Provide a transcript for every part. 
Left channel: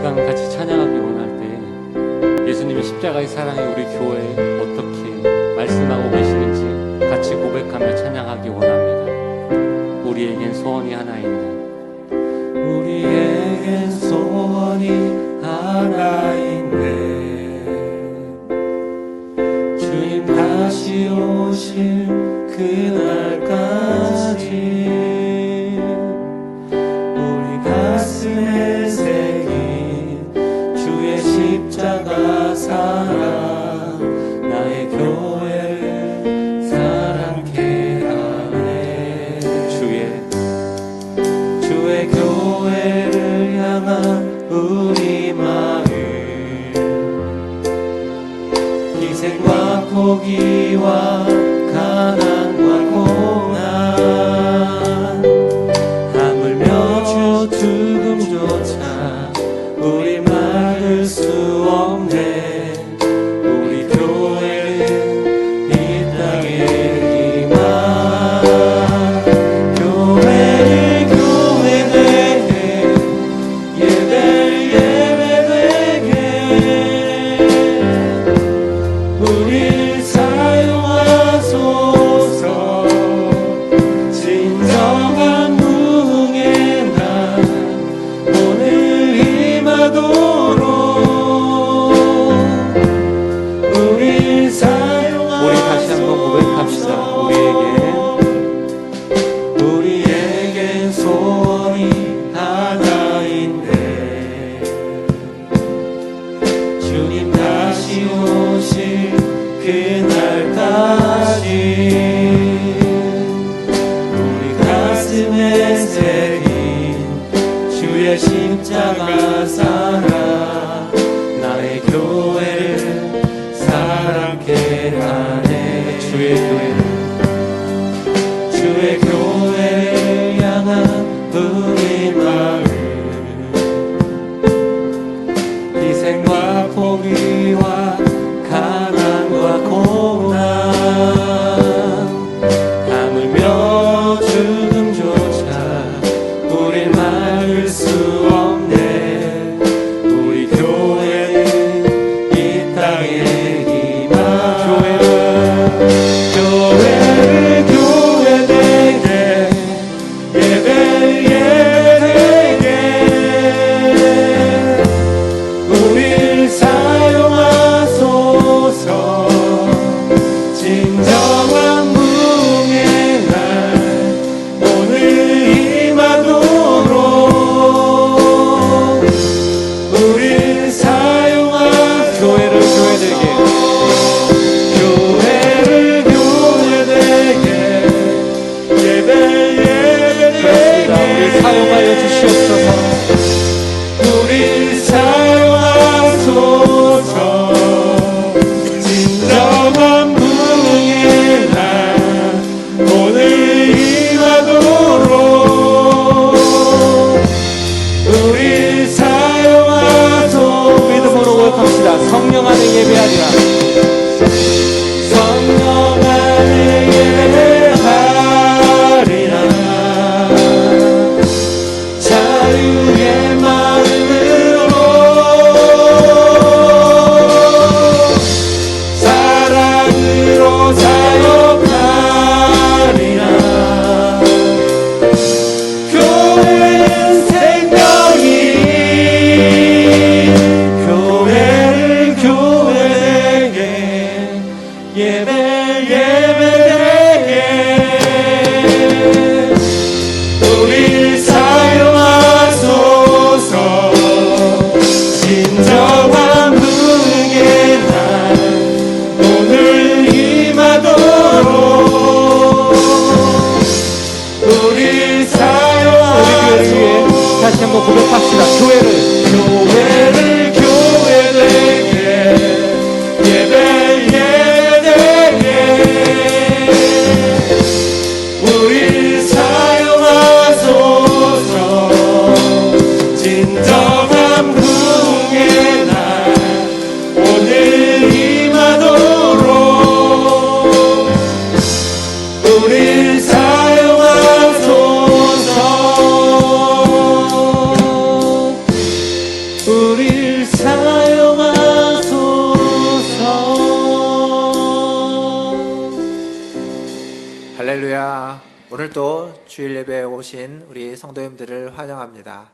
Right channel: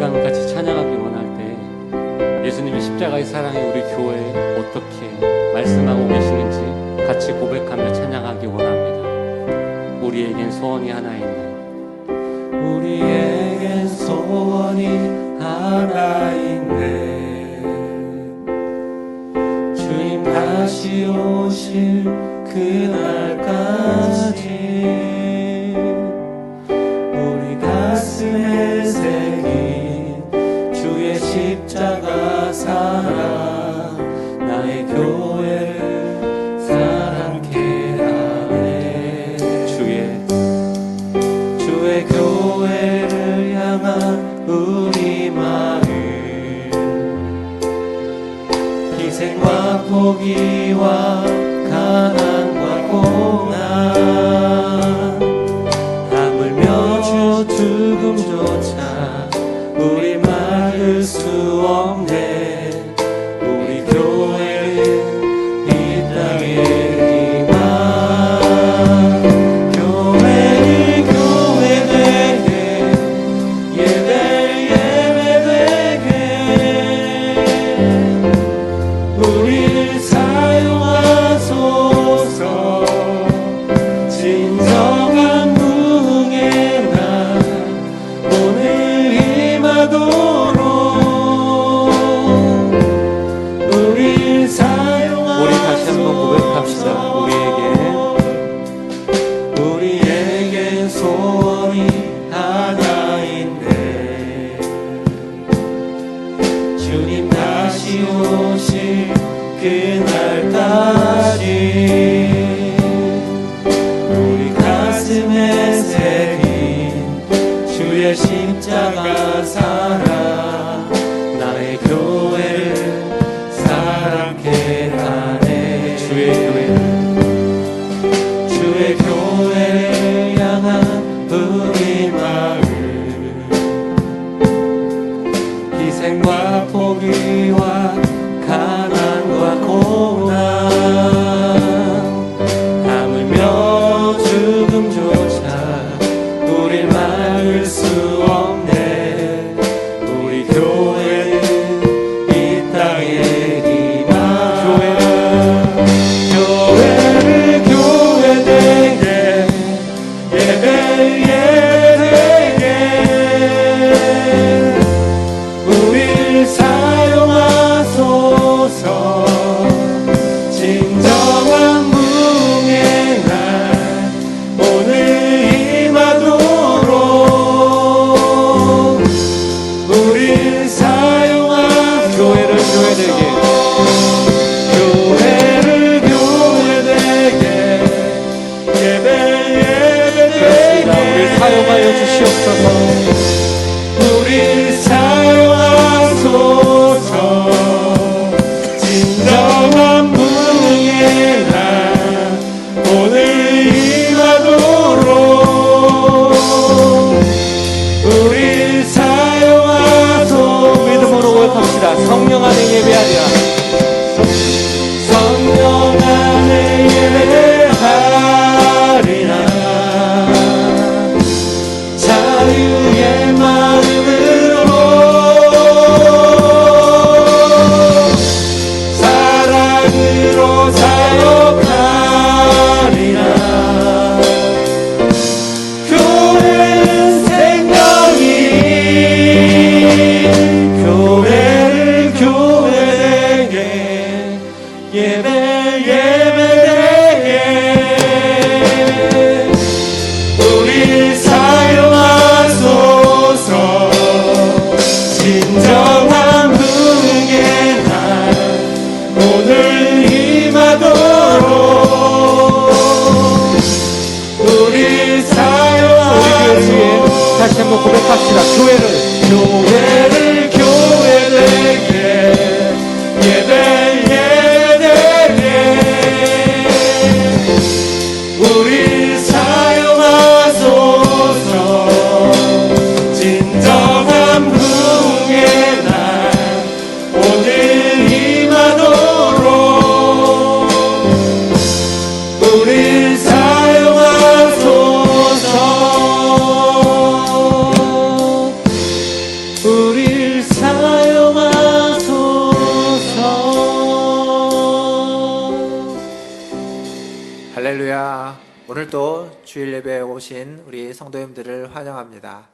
시간 같이 찬양하기 원할 때 예수님의 십자가의 사랑이 우리 교회에 어떻게 말씀하고 계시는지 같이 고백하며 찬양하기 원합니다. 우리에겐 소원이 하나 있네. 우리에겐 소원이 하나 있네. 주님 다시 오실 그날까지 우리 가슴에 새긴 주의 십자가 사랑 나의 교회를 사랑케 하네. 주의 교회를 향한 우리 마음 희생과 포기와 가난과 고난 하물며 죽음조차 우리 막을 수 없네. 우리 교회는 이 땅의 희망 교회를 교회되게 예배되게 우릴 사용하소서. 진정한 부흥의 날 오늘 임하도록 우릴 사용하소서. 우리 다시 한번 고백합시다. 우리에겐 소원이 하나 있네. 주님 다시 오실 그날까지 우리 가슴에 새긴 주의 십자가 사랑 나의 교회를 사랑케 하네. 주의 교회를 향한 우리 마음 희생과 포기와 가난과 고난 하물며 죽음조차 우릴 막을 수 없네. 우리 교회는 이 땅의 희망 교회를 교회되게 예배되게 우릴 사용하소서. 진정한 부흥의 날 오늘 임하도록 우릴 사용하소서. 교회를 교회되게 예배되게 우릴 사용하여 주시옵소서. 우릴 사용하소서. 진정한 부흥의 날 오늘 임하도록 우릴 사용하소서. 믿음으로 고백합시다. 성령 안에 예배하리라. 성령 안에 예배하리라. 우릴 사용하소서. 할렐루야. 오늘도 주일 예배에 오신 우리 성도님들을 환영합니다.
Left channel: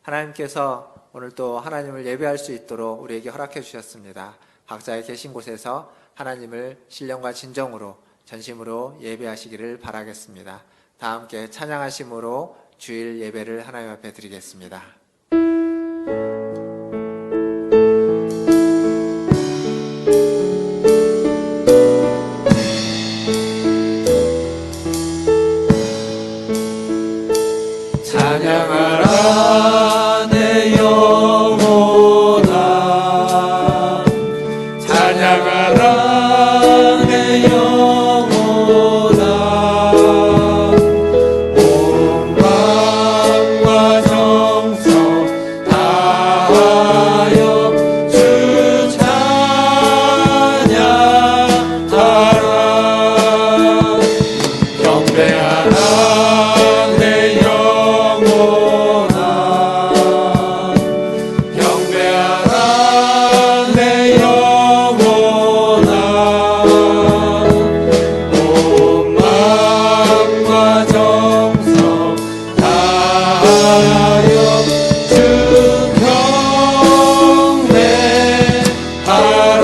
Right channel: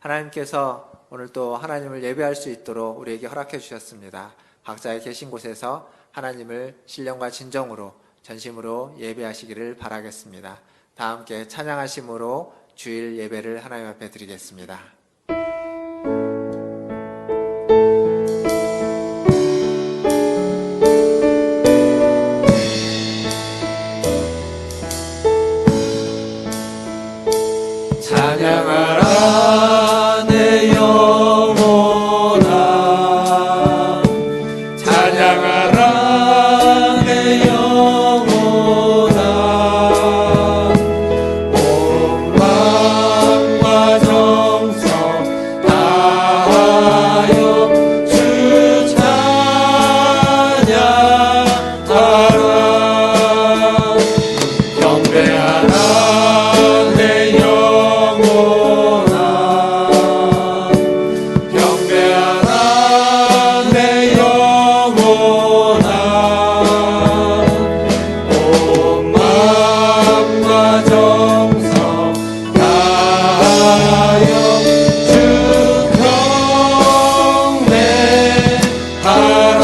하나님께서 오늘도 하나님을 예배할 수 있도록 우리에게 허락해 주셨습니다. 각자의 계신 곳에서 하나님을 신령과 진정으로 전심으로 예배하시기를 바라겠습니다. 다 함께 찬양하심으로 주일 예배를 하나님 앞에 드리겠습니다. 찬양하라 내 영혼아, 찬양하라 내 영혼아. 온 마음과 정성 다하여 주 찬양하라. 경배하라 내 영혼아, 경배하라 내 영혼아. 온 마음과 정성 다하여 주 경배하라.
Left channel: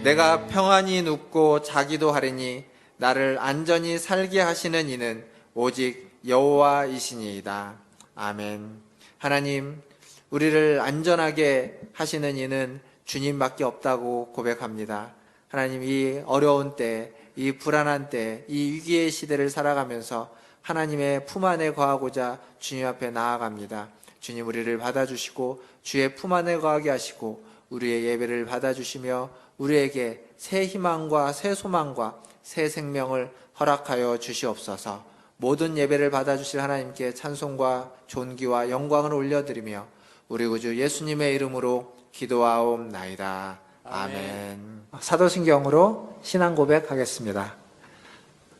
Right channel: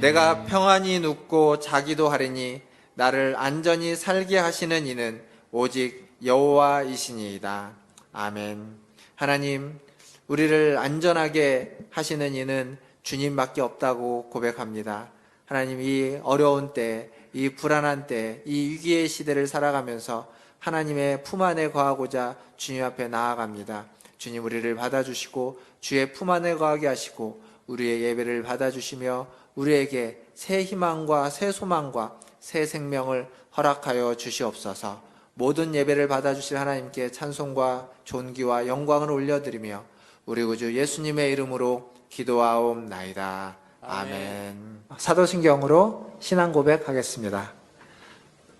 내가 평안히 눕고 자기도 하리니 나를 안전히 살게 하시는 이는 오직 여호와이시니이다. 아멘. 하나님, 우리를 안전하게 하시는 이는 주님밖에 없다고 고백합니다. 하나님, 이 어려운 때, 이 불안한 때, 이 위기의 시대를 살아가면서 하나님의 품 안에 거하고자 주님 앞에 나아갑니다. 주님, 우리를 받아주시고 주의 품 안에 거하게 하시고 우리의 예배를 받아주시며 우리에게 새 희망과 새 소망과 새 생명을 허락하여 주시옵소서. 모든 예배를 받아주실 하나님께 찬송과 존귀와 영광을 올려드리며 우리 우주 예수님의 이름으로 기도하옵나이다. 아멘. 사도신경으로 신앙 고백하겠습니다.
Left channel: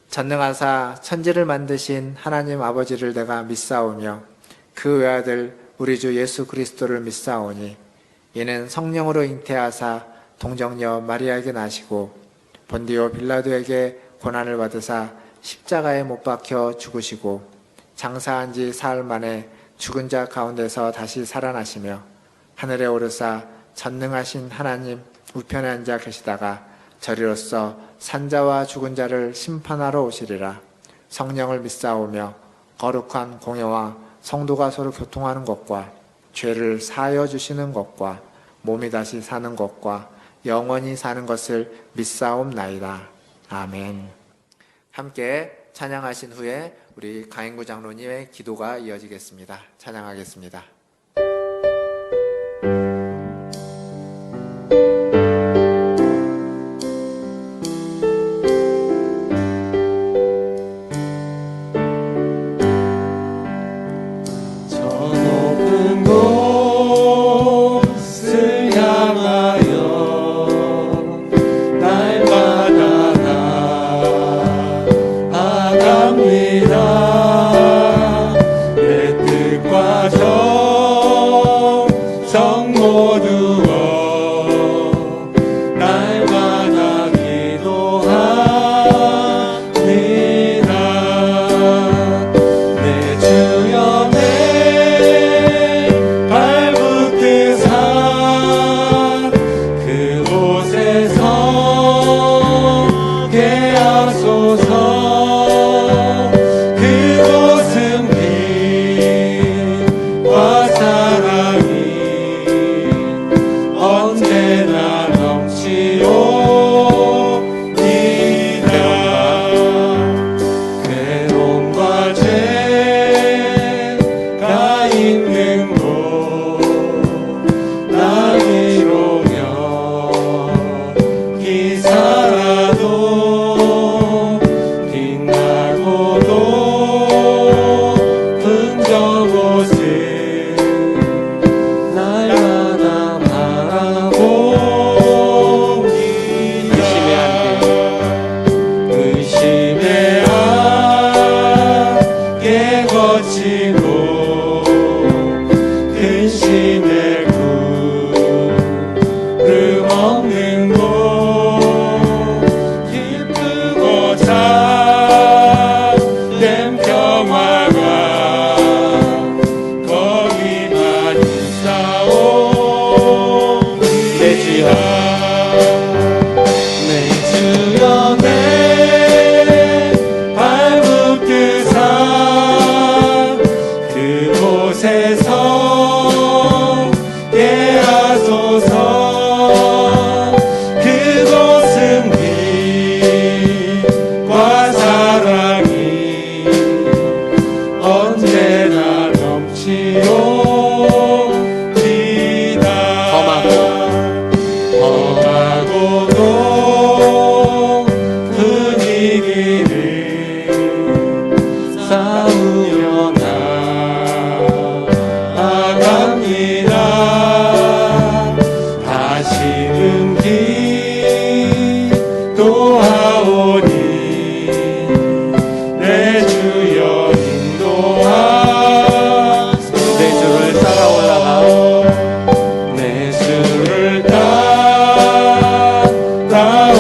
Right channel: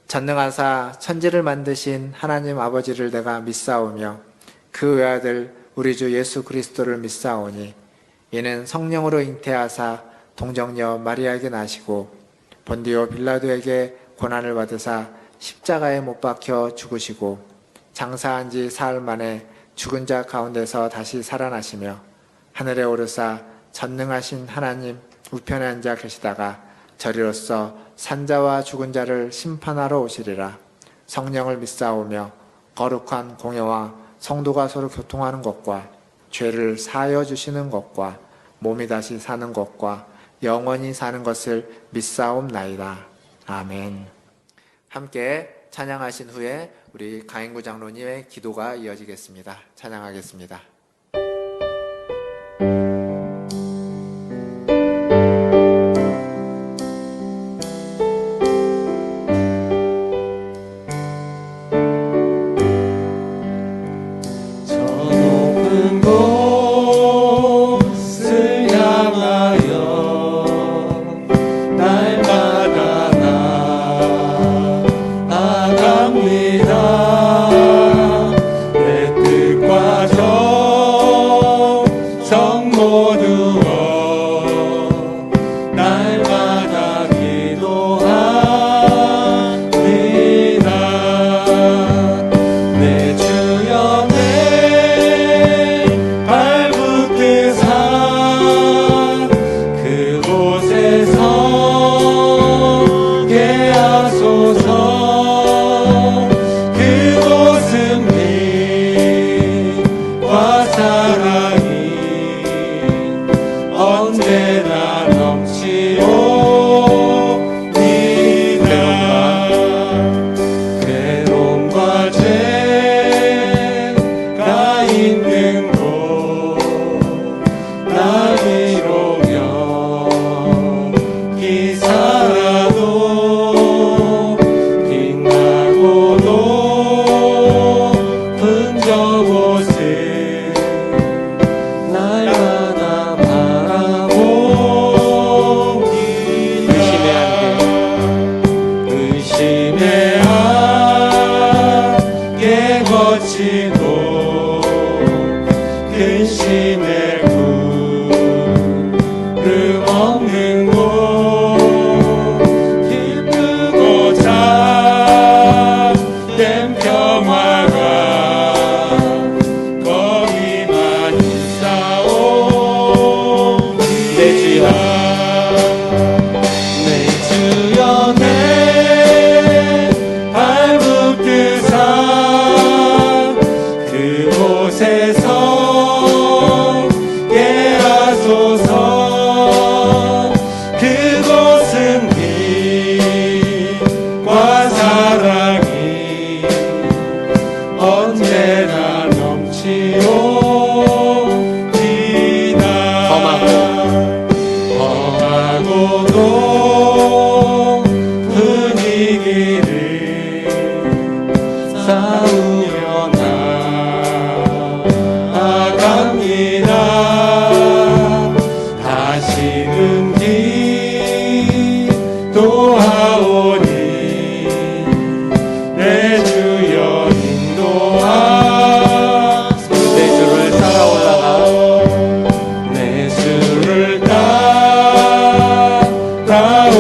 전능하사 천지를 만드신 하나님 아버지를 내가 믿사오며 그 외아들 우리 주 예수 그리스도를 믿사오니 이는 성령으로 잉태하사 동정녀 마리아에게 나시고 본디오 빌라도에게 고난을 받으사 십자가에 못 박혀 죽으시고 장사한 지 사흘 만에 죽은 자 가운데서 다시 살아나시며 하늘에 오르사 전능하신 하나님 우편에 앉아 계시다가 저리로서 산자와 죽은 자를 심판하러 오시리라. 성령을 믿사오며 거룩한 공예와 성도가 서로 교통하는 것과 죄를 사하여 주시는 것과 몸이 다시 사는 것과 영원히 사는 것을 믿사옵나이다. 아멘. 함께 찬양하신 후에 우리 가인구 장로님의 기도가 이어지겠습니다. 찬양하겠습니다. 그곳에서 예하소서. 그곳은 빛과 사랑이 언제나 넘치옵니다. 험하고도 분위기를 싸우며 나아갑니다. 다시는 기도하오니 내 주여 인도하소서. 내 주를 따라 내 주를 따라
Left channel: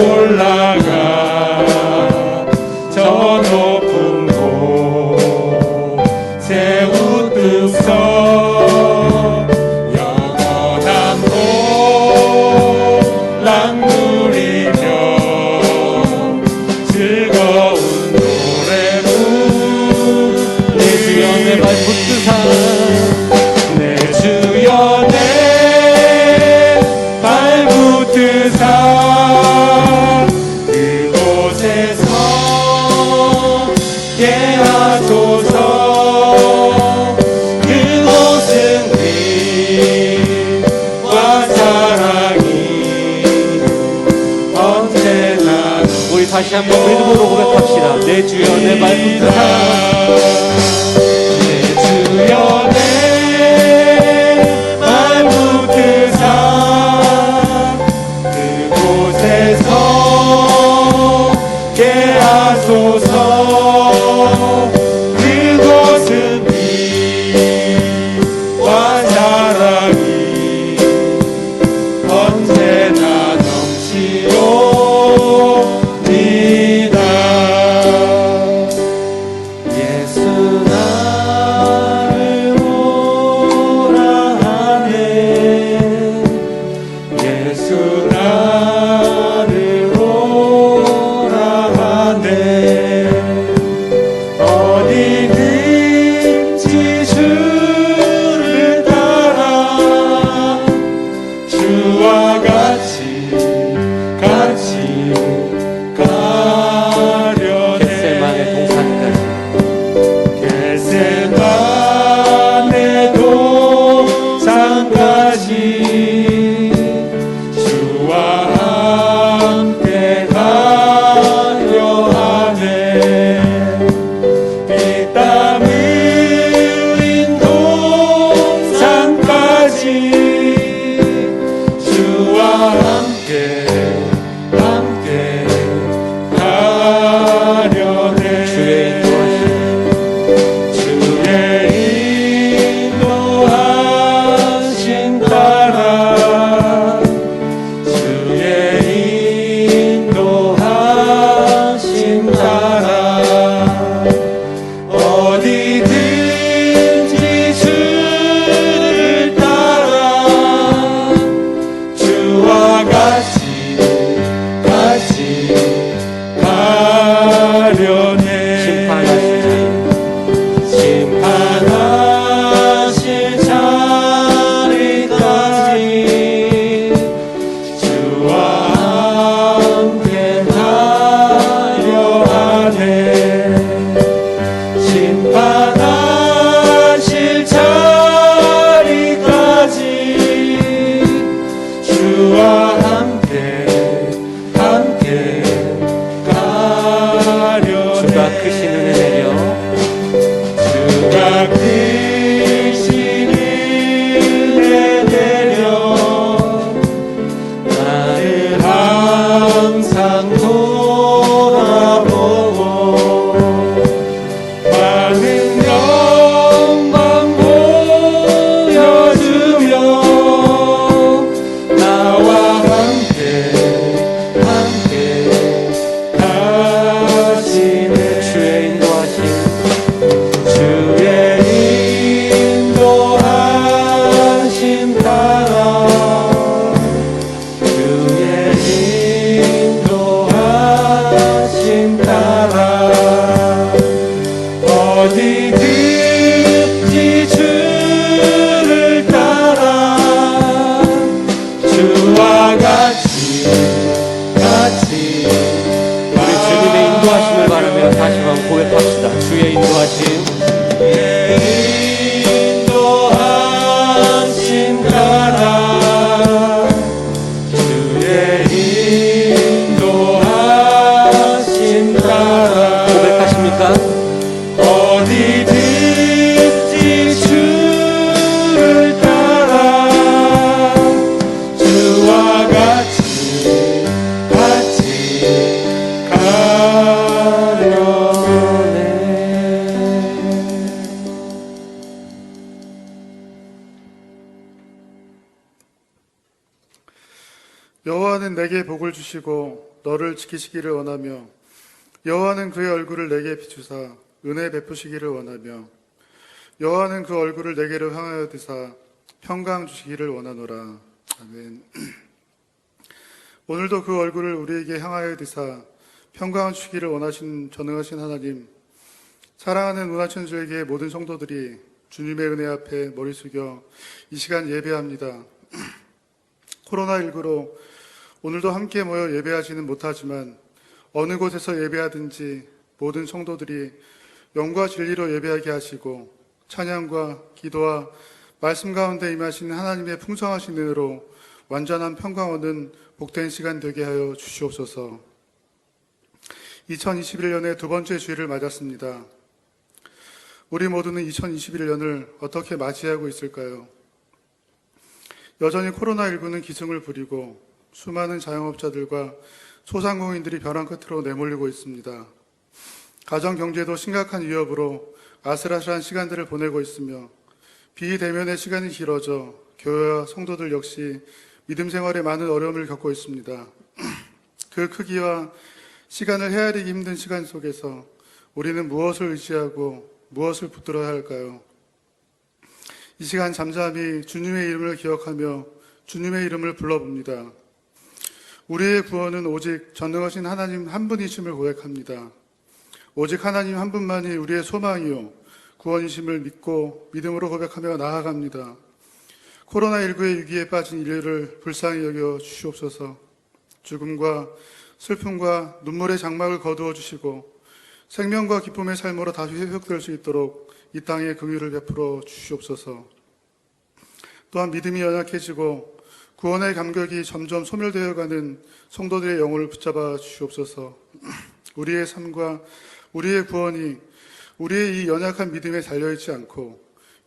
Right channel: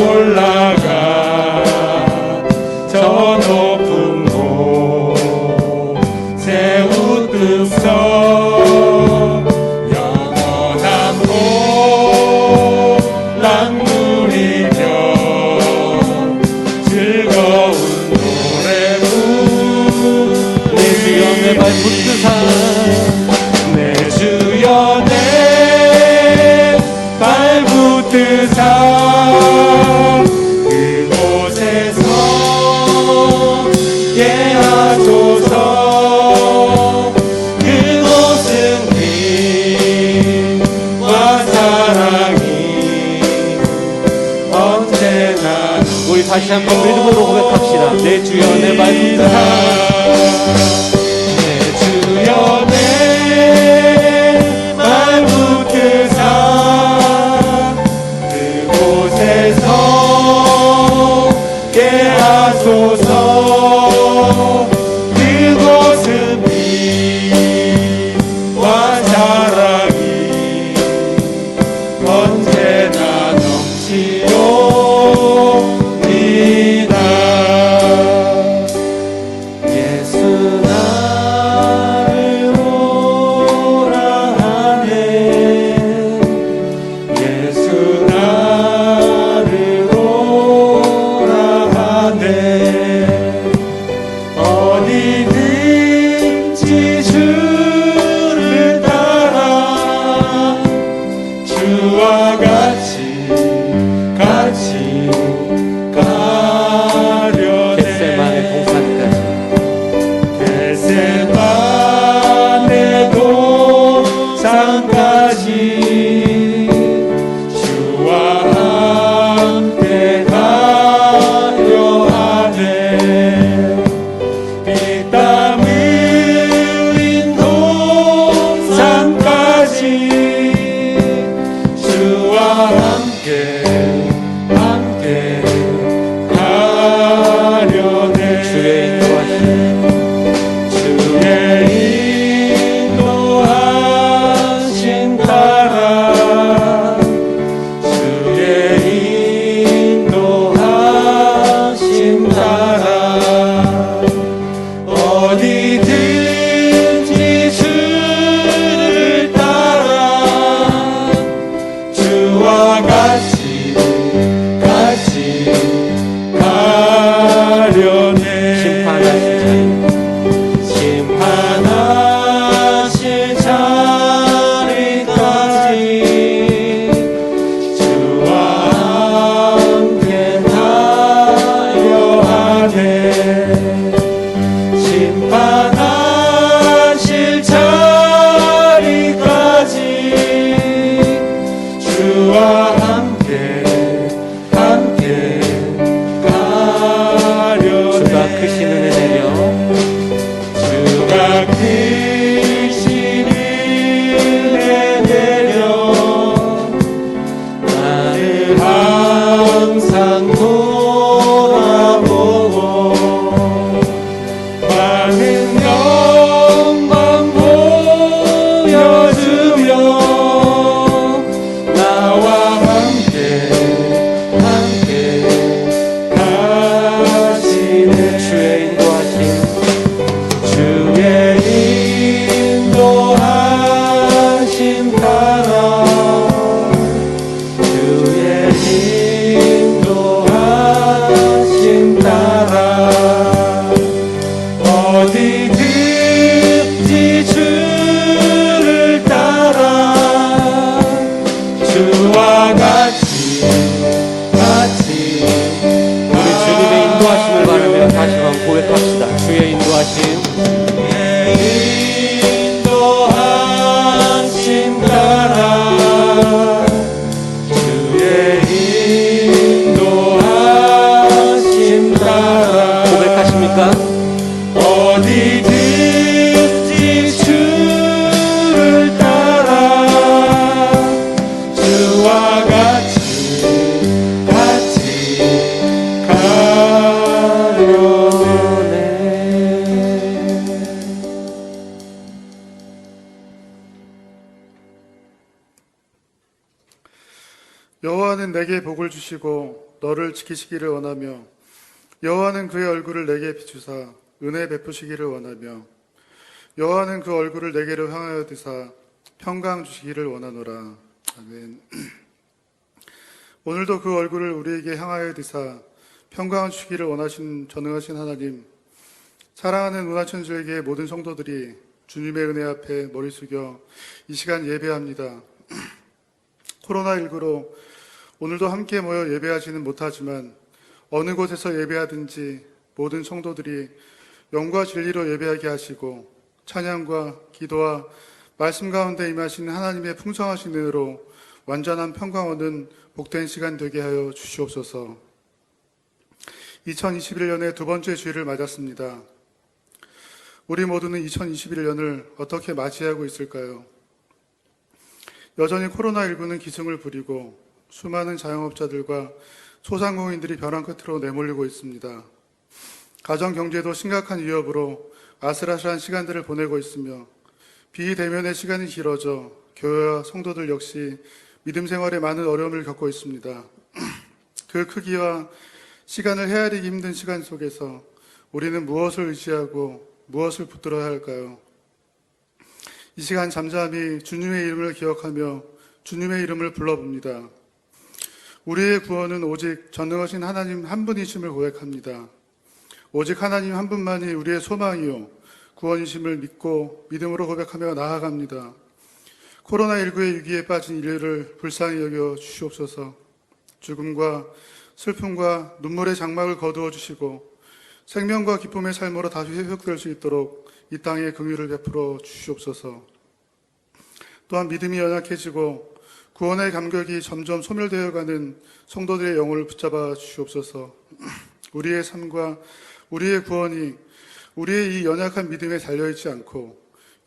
올라가 저 높은 곳에 웃으며 영원한 보람 누리며 즐거운 노래 부르리라. 내 주여 내 발붙드사 그곳에서 예하소서. 그곳은 빛과 사랑이 언제나 우리 다시 한번 왼손으로 고백합시다. 내 주여 내 발붙드사 내 주여 내 발붙드사 그곳에서 예하소서. 그곳은 빛과 사랑이 언제나 넘치옵니다. 예수 나를 오라 하네. 예수 나를 오라 하네. 어디든지 주를 따라 주와 같이 가려네. 겟세마네 동산까지 주와 함께 가려 하네. 피땀 흘린 동산까지 주와 함께 가려네. 주의 인도하신 따라 주의 인도하신 따라 어디든지 주를 따라 주와 같이 가려네. 심판하실 자리까지 주와 함께 가려 하네. 심판하실 자리까지 주와 함께 가려네. 주가 크시는 은혜요 주가 크신 은혜 되려 나를 항상 돌아보고 많은 여호와는 내게 복을 주시고 너를 지키시기를 원하며 여호와는 그의 얼굴을 내게 비추사 은혜 베푸시기를 원하며 여호와는 그 얼굴을 내게로 향하여 드사 평강 주시기를 원하노라. 아멘. 오늘도 그 얼굴을 우리에게 향하여 드사 평강 주시기를 원하신 전능하신 하나님, 사랑하는 문화천주에게 모든 성도들이 주님의 은혜 앞에 머리 숙여 이 시간 예배합니다. 코로나19로 오늘도 함께 모여 예배하지는 못하지만 어느 곳에서 예배하든지 모든 성도들이 영과 진리로 예배하게 하시고 찬양과 기도와 말씀 가운데 임하시는 하나님의 풍성하신 은혜로 완전한 평강 얻는 복된 시간 되게 하여 주시옵소서. 2021년의 두 번째 주일을 맞았습니다. 우리 모두는 2021년을 어떻게 맞이하고 있을까요? 여전히 코로나19는 기승을 부리고 수많은 자영업자들과 소상공인들이 벼랑 끝으로 내몰리고 있습니다. 가정 경제도 심각한 위협으로 아슬아슬한 시간들을 보내고 있으며 비대면의 시간이 길어져 교회와 성도들 역시 믿음 생활에 많은 어려움을 겪고 있습니다. 그 크기와 시간을 헤아리기 힘든 시간 속에서 우리는 무엇을 의지하고 무엇을 붙들어야 할까요? 이 시간 잠잠히 주님의 이름을 기억하며 주님의 이름을 불러봅니다. 우리의 구원은 오직 전능하신 하나님 한 분이심을 고백합니다. 오직 하나님 한 분만이 우리의 소망이요 구원이심을 믿고 믿음으로 고백하며 나아갑니다. 코로나19의 위기에 빠진 인류를 불쌍히 여겨 주시옵소서. 죽음과 슬픔과 눈물의 장막을 거두어 주시고 생명과 기쁨의 삶으로 다시 회복될 수 있도록 이 땅에 긍휼을 베풀어 주시옵소서. 또한 믿음이 연약해지고 구원의 감격이 점점 소멸되어가는 성도들의 영혼을 붙잡아 주시옵소서. 우리의 삶과 우리의 구원이 우리의 이 연약한 믿음에 달려있지 않고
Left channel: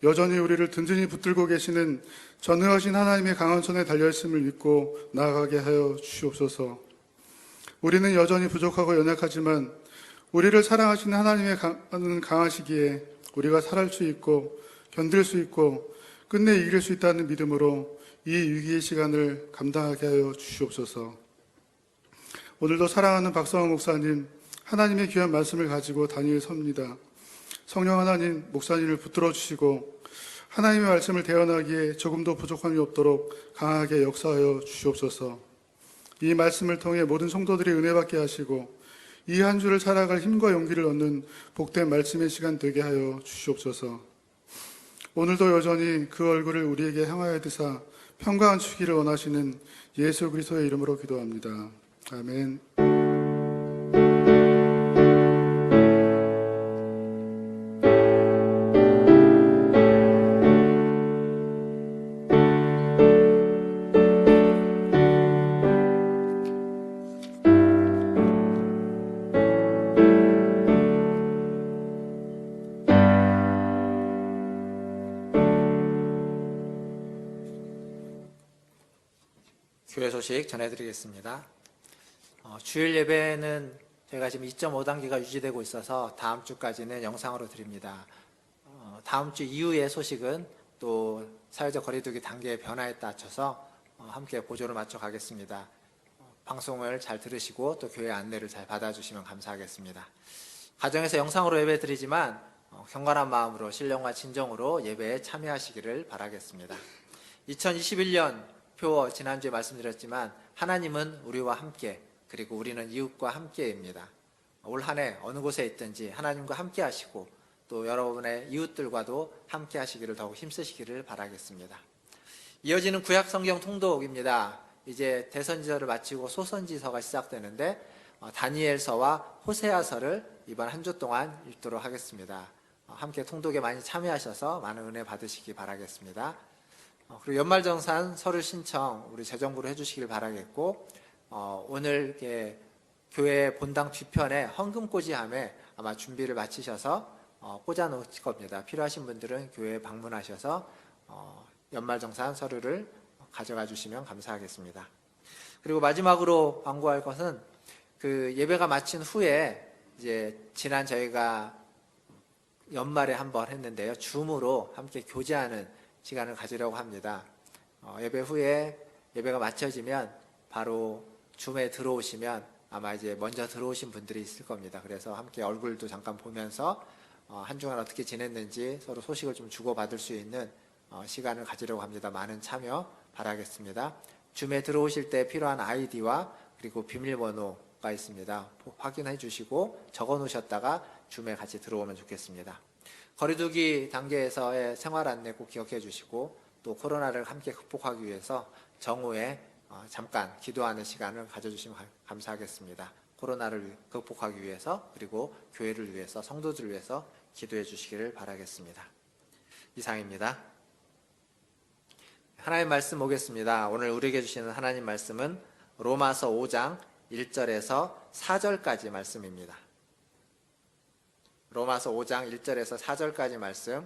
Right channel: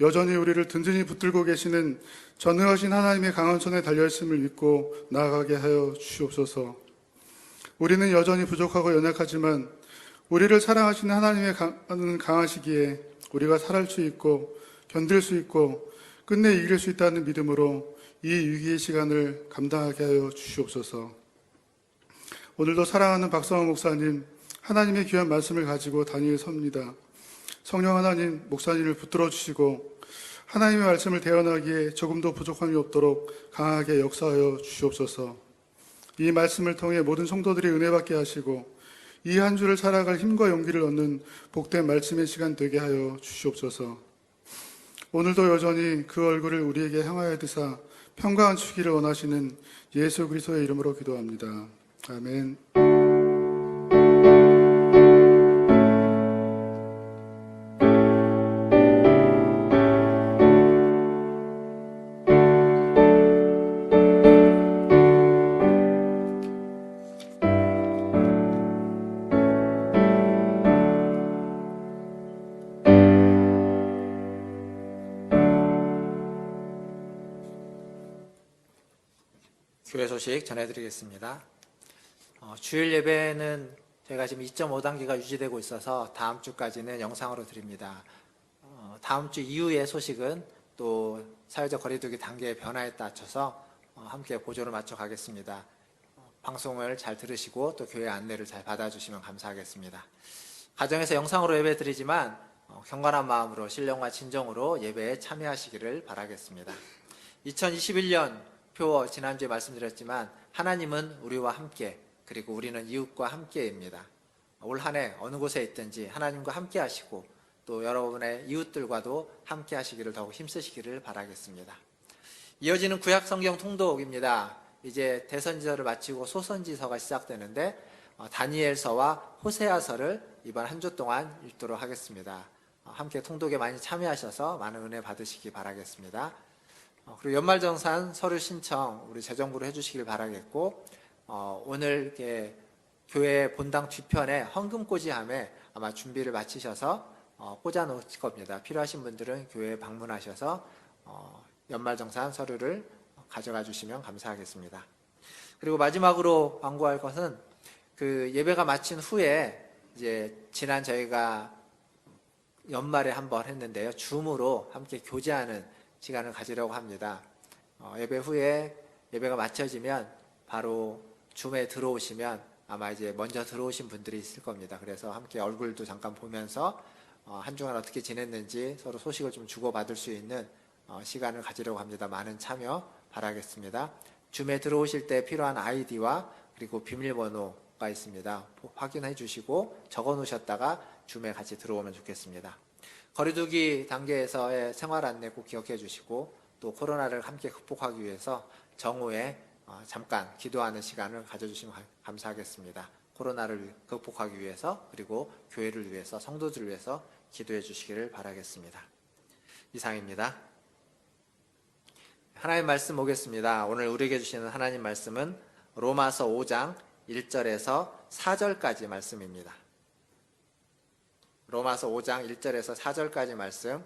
여전히 우리를 든든히 붙들고 계시는 전능하신 하나님의 강한 손에 달려있음을 믿고 나아가게 하여 주시옵소서. 우리는 여전히 부족하고 연약하지만 우리를 사랑하시는 하나님의 강하시기에 우리가 살아갈 수 있고 견딜 수 있고 끝내 이길 수 있다는 믿음으로 이 위기의 시간을 감당하게 하여 주시옵소서. 오늘도 사랑하는 박성환 목사님, 하나님의 귀한 말씀을 가지고 단위에 섭니다. 성령 하나님, 목사님을 붙들어 주시고 하나님의 말씀을 대언하기에 조금도 부족함이 없도록 강하게 역사하여 주시옵소서. 이 말씀을 통해 모든 성도들이 은혜받게 하시고 이 한 주를 살아갈 힘과 용기를 얻는 복된 말씀의 시간 되게 하여 주시옵소서. 오늘도 여전히 그 얼굴을 우리에게 향하여 드사 평강한 주기를 원하시는 예수 그리스도의 이름으로 기도합니다. 아멘. 교회 소식 전해드리겠습니다. 주일 예배는 저희가 지금 2.5단계가 유지되고 있어서 다음 주까지는 영상으로 드립니다. 다음 주 이후의 소식은 또 사회적 거리두기 단계의 변화에 따라서 함께 보조를 맞춰 가겠습니다. 방송을 잘 들으시고 또 교회 안내를 잘 받아주시면 감사하겠습니다. 가정에서 영상으로 예배 드리지만 경건한 마음으로 신령과 진정으로 예배에 참여하시기를 바라겠습니다. 2021년 표 지난주에 말씀드렸지만 하나님은 우리와 함께 그리고 우리는 이웃과 함께입니다. 올 한 해 어느 곳에 있든지 하나님과 함께 하시고 또 여러분의 이웃들과도 함께 하시기를 더욱 힘쓰시기를 바라겠습니다. 이어지는 구약 성경 통독입니다. 이제 대선지서를 마치고 소선지서가 시작되는데 다니엘서와 호세아서를 이번 한 주 동안 읽도록 하겠습니다. 함께 통독에 많이 참여하셔서 많은 은혜 받으시기 바라겠습니다. 그리고 연말정산 서류 신청 우리 재정부로 해주시길 바라겠고 오늘 교회 본당 뒤편에 헌금꽂이함에 아마 준비를 마치셔서 꽂아 놓으실 겁니다. 필요하신 분들은 교회에 방문하셔서 연말정산 서류를 가져가 주시면 감사하겠습니다. 그리고 마지막으로 광고할 것은 그 예배가 마친 후에 이제 지난 저희가 연말에 한번 했는데요. 줌으로 함께 교제하는 시간을 가지려고 합니다. 예배 후에 예배가 마쳐지면 바로 줌에 들어오시면 아마 이제 먼저 들어오신 분들이 있을 겁니다. 그래서 함께 얼굴도 잠깐 보면서 한 주간 어떻게 지냈는지 서로 소식을 좀 주고받을 수 있는 시간을 가지려고 합니다. 많은 참여 바라겠습니다. 줌에 들어오실 때 필요한 아이디와 그리고 비밀번호가 있습니다. 확인해 주시고 적어 놓으셨다가 줌에 같이 들어오면 좋겠습니다. 거리두기 단계에서의 생활 안내 꼭 기억해 주시고 또 코로나를 함께 극복하기 위해서 정오에 잠깐 기도하는 시간을 가져주시면 감사하겠습니다. 코로나를 극복하기 위해서 그리고 교회를 위해서 성도들을 위해서 기도해 주시기를 바라겠습니다. 이상입니다. 하나님 말씀 보겠습니다. 오늘 우리에게 주시는 하나님 말씀은 로마서 5장 1절에서 4절까지 말씀입니다. 로마서 5장 1절에서 4절까지 말씀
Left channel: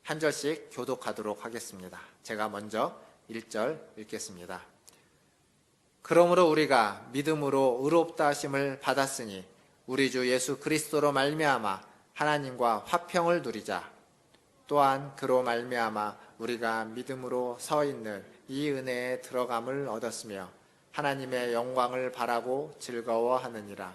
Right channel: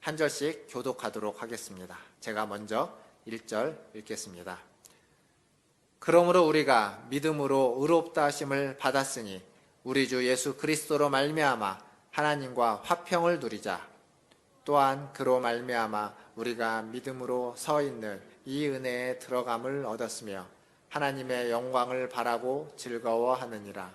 한 절씩 교독하도록 하겠습니다. 제가 먼저 1절 읽겠습니다. 그러므로 우리가 믿음으로 의롭다 하심을 받았으니 우리 주 예수 그리스도로 말미암아 하나님과 화평을 누리자. 또한 그로 말미암아 우리가 믿음으로 서 있는 이 은혜에 들어감을 얻었으며 하나님의 영광을 바라고 즐거워하느니라.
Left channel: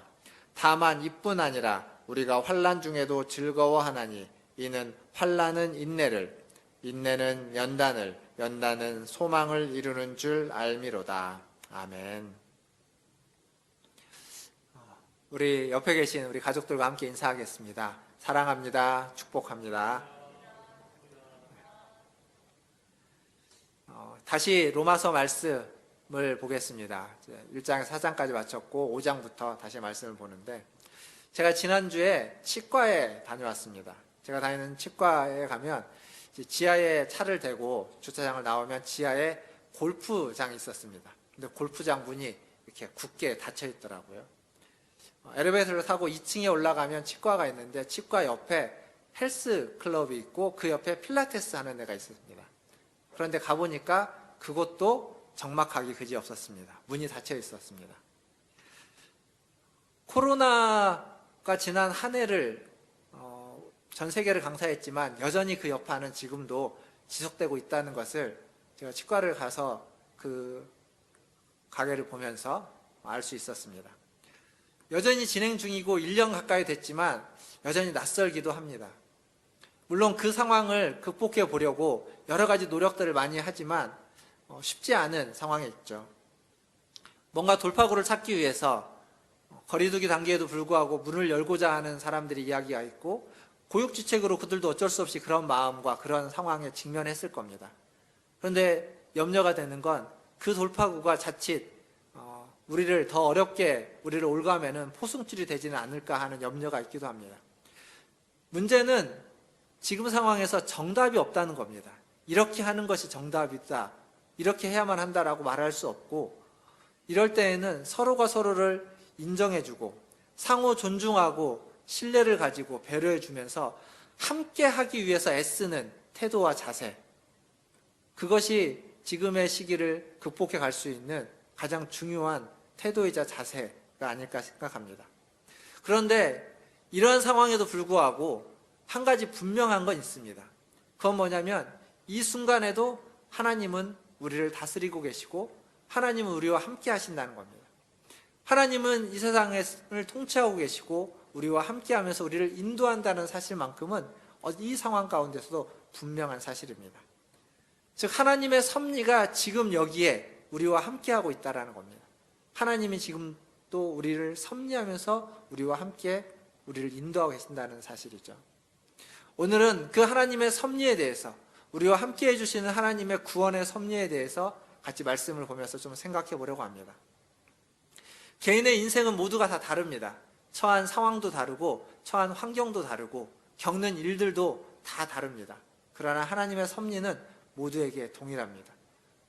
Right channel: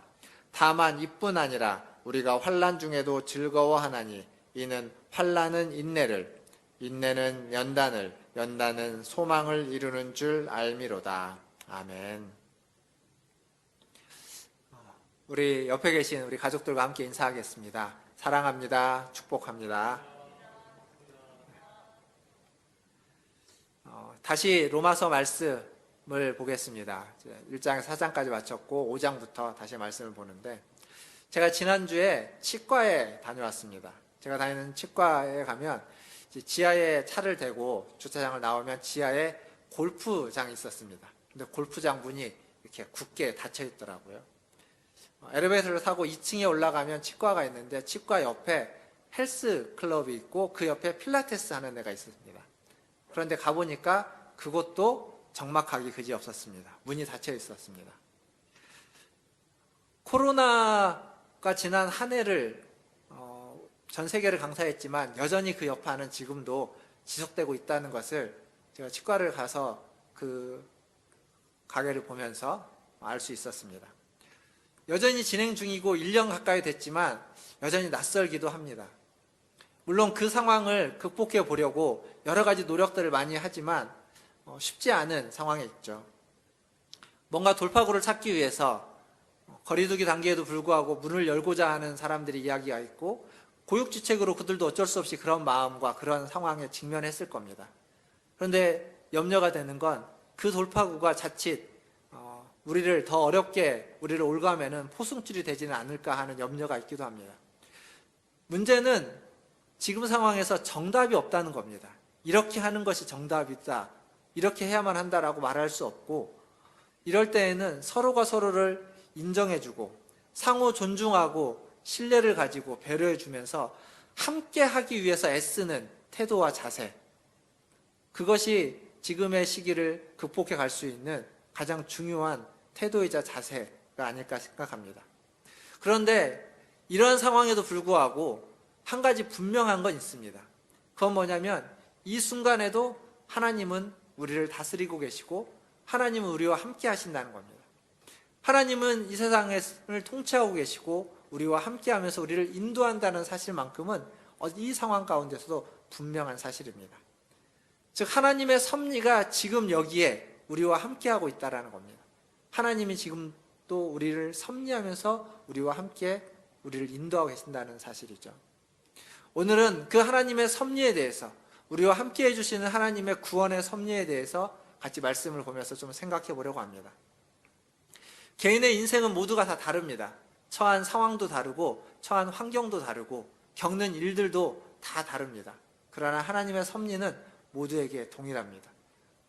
다만 이뿐 아니라 우리가 환난 중에도 즐거워하나니 이는 환난은 인내를, 인내는 연단을, 연단은 소망을 이루는 줄 알미로다. 아멘. 우리 옆에 계신 우리 가족들과 함께 인사하겠습니다. 사랑합니다. 축복합니다. 다시 로마서 말씀을 보겠습니다. 1장 4장까지 마쳤고 5장부터 다시 말씀을 보는데 제가 지난주에 치과에 다녀왔습니다. 제가 다니는 치과에 가면 지하에 차를 대고 주차장을 나오면 지하에 골프장이 있었습니다. 근데 골프장 문이 이렇게 굳게 닫혀 있더라고요. 엘리베이터를 타고 2층에 올라가면 치과가 있는데 치과 옆에 헬스 클럽이 있고 그 옆에 필라테스 하는 데가 있습니다. 그런데 가보니까 그것도 적막하기 그지없었습니다. 문이 닫혀 있었습니다. 코로나가 지난 한 해를 전 세계를 강타했지만 여전히 그 여파는 지금도 지속되고 있다는 것을 제가 치과를 가서 그 가게를 보면서 알 수 있었습니다. 여전히 진행 중이고 1년 가까이 됐지만 여전히 낯설기도 합니다. 물론 그 상황을 극복해 보려고 여러 가지 노력들을 많이 하지만 쉽지 않은 상황에 있죠. 뭔가 돌파구를 찾기 위해서 거리두기 단계에도 불구하고 문을 열고자 하는 사람들이 이야기가 있고 고육지책으로 그들도 어쩔 수 없이 그런 마음과 그런 상황에 직면했을 겁니다. 그런데 염려가 되는 건 그 돌파구가 자칫 우리를 더 어렵게 우리를 올가매는 포승줄이 되지는 않을까 하는 염려가 있기도 합니다. 문제는 지금 상황에서 정답이 없다는 겁니다. 이렇게 하는 것이 정답이다. 이렇게 해야만 한다라고 말할 수 없고 이럴 때에는 서로가 서로를 인정해주고 상호 존중하고 신뢰를 가지고 배려해주면서 함께 하기 위해서 애쓰는 태도와 자세 그것이 지금의 시기를 극복해 갈 수 있는 가장 중요한 태도이자 자세가 아닐까 생각합니다. 그런데 이런 상황에도 불구하고 한 가지 분명한 건 있습니다. 그건 뭐냐면 이 순간에도 하나님은 우리를 다스리고 계시고 하나님은 우리와 함께 하신다는 겁니다. 하나님은 이 세상을 통치하고 계시고 우리와 함께 하면서 우리를 인도한다는 사실만큼은 이 상황 가운데서도 분명한 사실입니다. 즉 하나님의 섭리가 지금 여기에 우리와 함께하고 있다는 겁니다. 하나님이 지금 또 우리를 섭리하면서 우리와 함께 우리를 인도하고 계신다는 사실이죠. 오늘은 그 하나님의 섭리에 대해서 우리와 함께 해주시는 하나님의 구원의 섭리에 대해서 같이 말씀을 보면서 좀 생각해 보려고 합니다. 개인의 인생은 모두가 다 다릅니다. 처한 상황도 다르고 처한 환경도 다르고 겪는 일들도 다 다릅니다. 그러나 하나님의 섭리는 모두에게 동일합니다.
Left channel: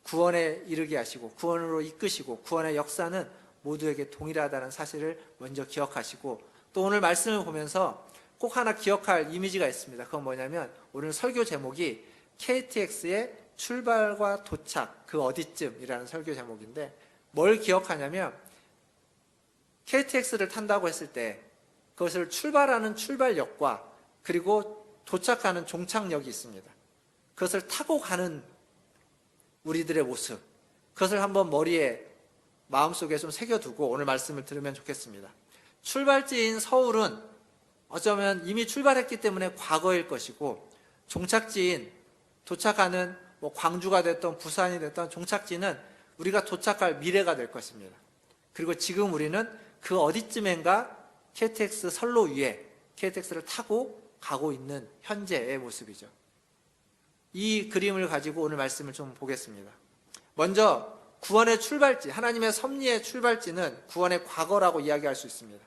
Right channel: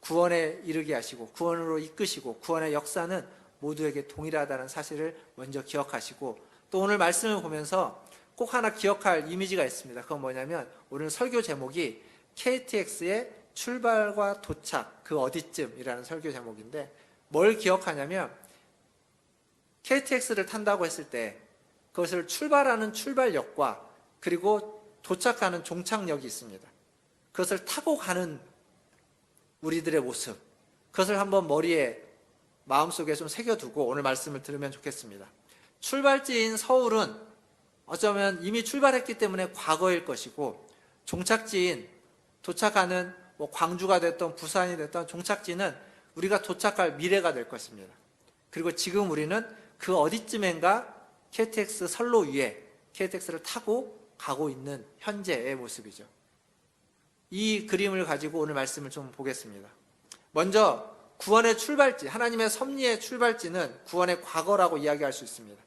구원에 이르게 하시고 구원으로 이끄시고 구원의 역사는 모두에게 동일하다는 사실을 먼저 기억하시고 또 오늘 말씀을 보면서 꼭 하나 기억할 이미지가 있습니다. 그건 뭐냐면 오늘 설교 제목이 KTX의 출발과 도착 그 어디쯤이라는 설교 제목인데 뭘 기억하냐면 KTX를 탄다고 했을 때 그것을 출발하는 출발역과 그리고 도착하는 종착역이 있습니다. 그것을 타고 가는 우리들의 모습 그것을 한번 머리에 마음속에 좀 새겨두고 오늘 말씀을 들으면 좋겠습니다. 출발지인 서울은 어쩌면 이미 출발했기 때문에 과거일 것이고, 종착지인 도착하는 뭐 광주가 됐던 부산이 됐던 종착지는 우리가 도착할 미래가 될 것입니다. 그리고 지금 우리는 그 어디쯤엔가 KTX 선로 위에 KTX를 타고 가고 있는 현재의 모습이죠. 이 그림을 가지고 오늘 말씀을 좀 보겠습니다. 먼저 구원의 출발지, 하나님의 섭리의 출발지는 구원의 과거라고 이야기할 수 있습니다.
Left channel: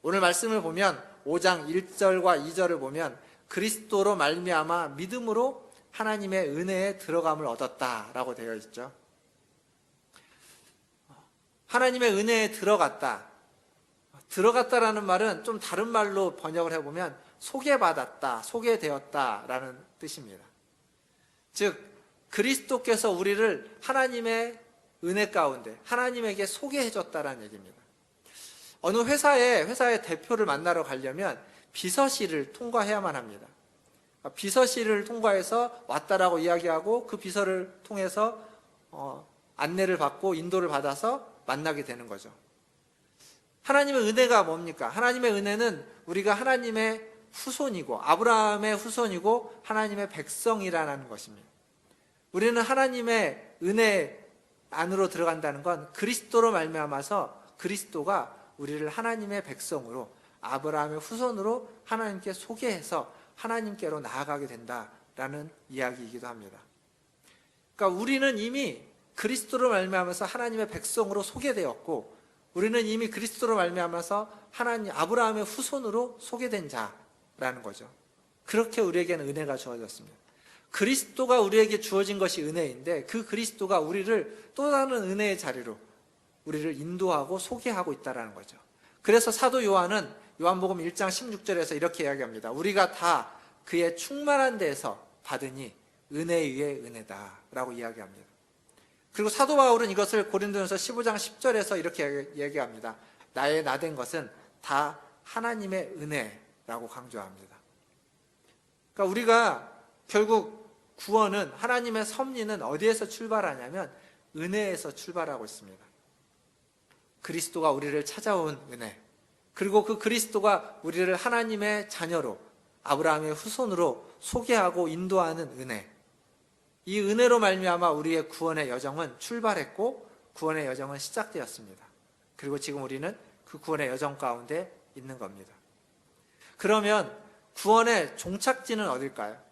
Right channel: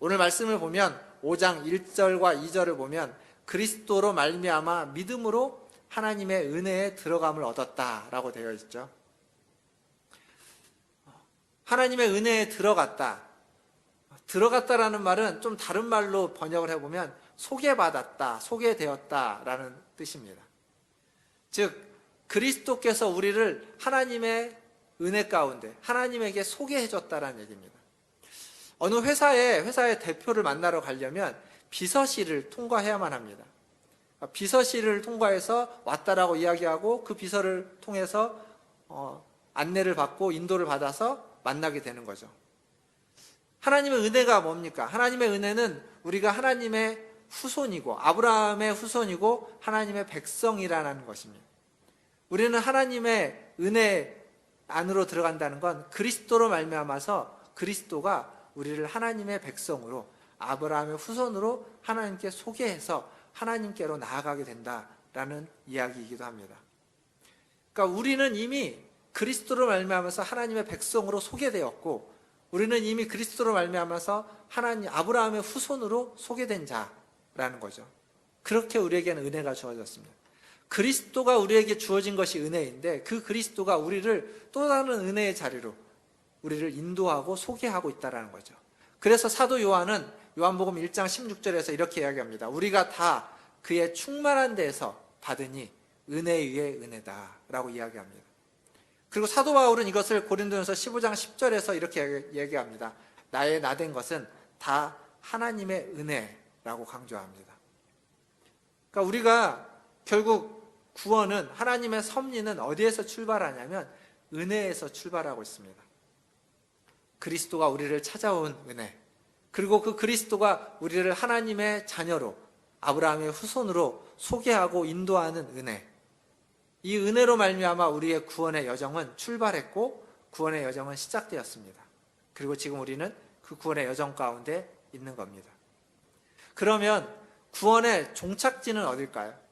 오늘 말씀을 보면 5장 1절과 2절을 보면 그리스도로 말미암아 믿음으로 하나님의 은혜에 들어감을 얻었다라고 되어 있죠. 하나님의 은혜에 들어갔다라는 말은 좀 다른 말로 번역을 해보면 소개받았다, 소개되었다라는 뜻입니다. 즉 그리스도께서 우리를 하나님의 은혜 가운데 하나님에게 소개해줬다는 얘기입니다. 어느 회사의 대표를 만나러 가려면 비서실을 통과해야만 합니다. 비서실을 통과해서 왔다라고 이야기하고 그 비서를 통해서 안내를 받고 인도를 받아서 만나게 되는 거죠. 하나님의 은혜가 뭡니까? 하나님의 은혜는 우리가 하나님의 후손이고 아브라함의 후손이고 하나님의 백성이라는 것입니다. 우리는 하나님의 은혜 안으로 들어간다는 건 그리스도로 말미암아서 그리스도가 우리를 하나님의 백성으로 아브라함의 후손으로 하나님께 소개해서 하나님께로 나아가게 된다라는 이야기이기도 합니다. 그러니까 우리는 이미 그리스도로 말미암아서 하나님의 백성으로 소개되었고, 우리는 이미 그리스도로 말미암아서 하나님 아브라함의 후손으로 소개된 자라는 거죠. 그렇게 우리에게는 은혜가 주어졌습니다. 그리스도가 우리에게 주어진 것이 은혜인데 그 그리스도가 우리를 또 다른 은혜의 자리로 우리를 인도하고 소개하고 있다는 거죠. 그래서 사도 요한은 요한복음 1장 16절에서 이렇게 이야기합니다. 우리가 다 그의 충만한 데에서 받으니 은혜 위에 은혜다 라고 이야기합니다. 그리고 사도 바울은 이것을 고린도전서 15장 10절에서 이렇게 얘기합니다. 나의 나된 것은 다 하나님의 은혜라고 강조합니다. 그러니까 우리가 결국 구원은, 하나님의 섭리는 어디에서 출발하냐면 은혜에서 출발하고 있습니다. 그리스도가 우리를 찾아온 은혜, 그리고 그 그리스도가 우리를 하나님의 자녀로 아브라함의 후손으로 소개하고 인도하는 은혜, 이 은혜로 말미암아 우리의 구원의 여정은 출발했고 구원의 여정은 시작되었습니다. 그리고 지금 우리는 그 구원의 여정 가운데 있는 겁니다. 그러면 구원의 종착지는 어딜까요?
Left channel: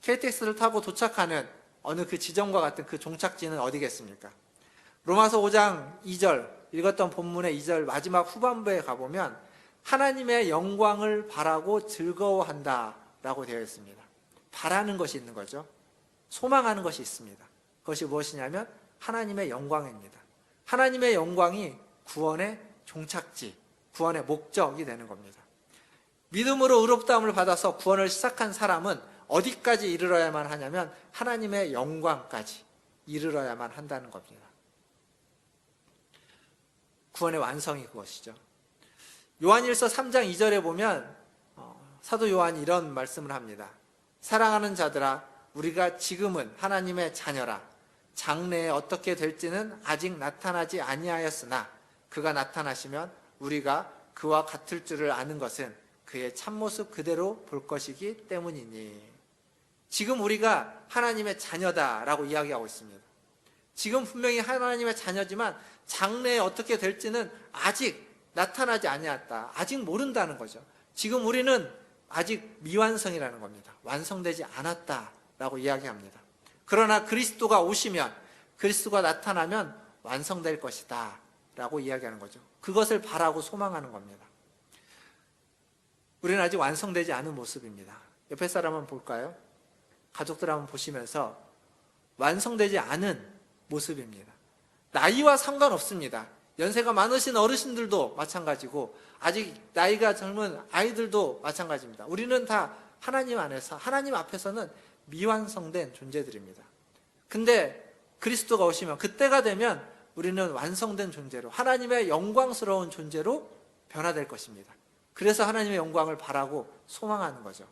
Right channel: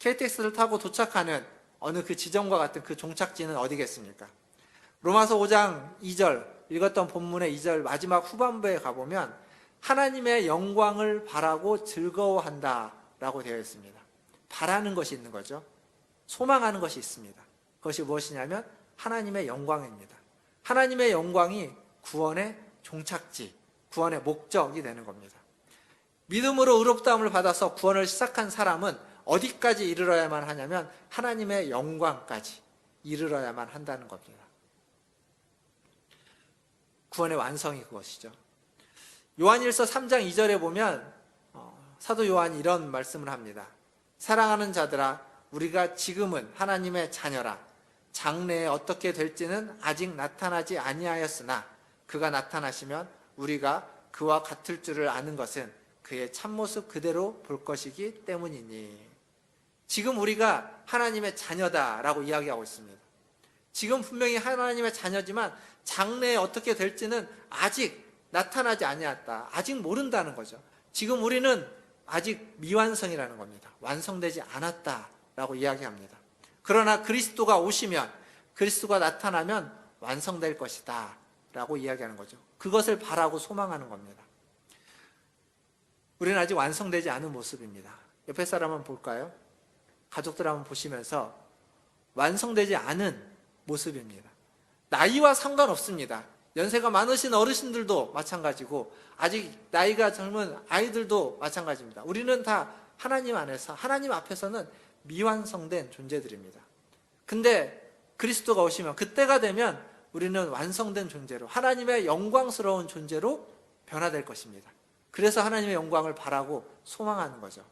KTX를 타고 도착하는 어느 그 지점과 같은 그 종착지는 어디겠습니까? 로마서 5장 2절, 읽었던 본문의 2절 마지막 후반부에 가보면 하나님의 영광을 바라고 즐거워한다 라고 되어 있습니다. 바라는 것이 있는 거죠. 소망하는 것이 있습니다. 그것이 무엇이냐면 하나님의 영광입니다. 하나님의 영광이 구원의 종착지, 구원의 목적이 되는 겁니다. 믿음으로 의롭다함을 받아서 구원을 시작한 사람은 어디까지 이르러야만 하냐면 하나님의 영광까지 이르러야만 한다는 겁니다. 구원의 완성이 그것이죠. 요한일서 3장 2절에 보면 사도 요한이 이런 말씀을 합니다. 사랑하는 자들아, 우리가 지금은 하나님의 자녀라. 장래에 어떻게 될지는 아직 나타나지 아니하였으나 그가 나타나시면 우리가 그와 같을 줄을 아는 것은 그의 참모습 그대로 볼 것이기 때문이니. 지금 우리가 하나님의 자녀다라고 이야기하고 있습니다. 지금 분명히 하나님의 자녀지만 장래에 어떻게 될지는 아직 나타나지 아니했다. 아직 모른다는 거죠. 지금 우리는 아직 미완성이라는 겁니다. 완성되지 않았다라고 이야기합니다. 그러나 그리스도가 오시면, 그리스도가 나타나면 완성될 것이다 라고 이야기하는 거죠. 그것을 바라고 소망하는 겁니다. 우리는 아직 완성되지 않은 모습입니다. 옆에 사람 한번 볼까요? 가족들 한번 보시면서 완성되지 않은 모습입니다. 나이와 상관없습니다. 연세가 많으신 어르신들도 마찬가지고 아직 나이가 젊은 아이들도 마찬가지입니다. 우리는 다 하나님 안에서, 하나님 앞에서는 미완성된 존재들입니다. 근데 그리스도가 오시면, 그때가 되면 우리는 완성된 존재로, 하나님의 영광스러운 존재로 변화될 것입니다. 그래서 하나님의 영광을 바라고 소망하는 거죠.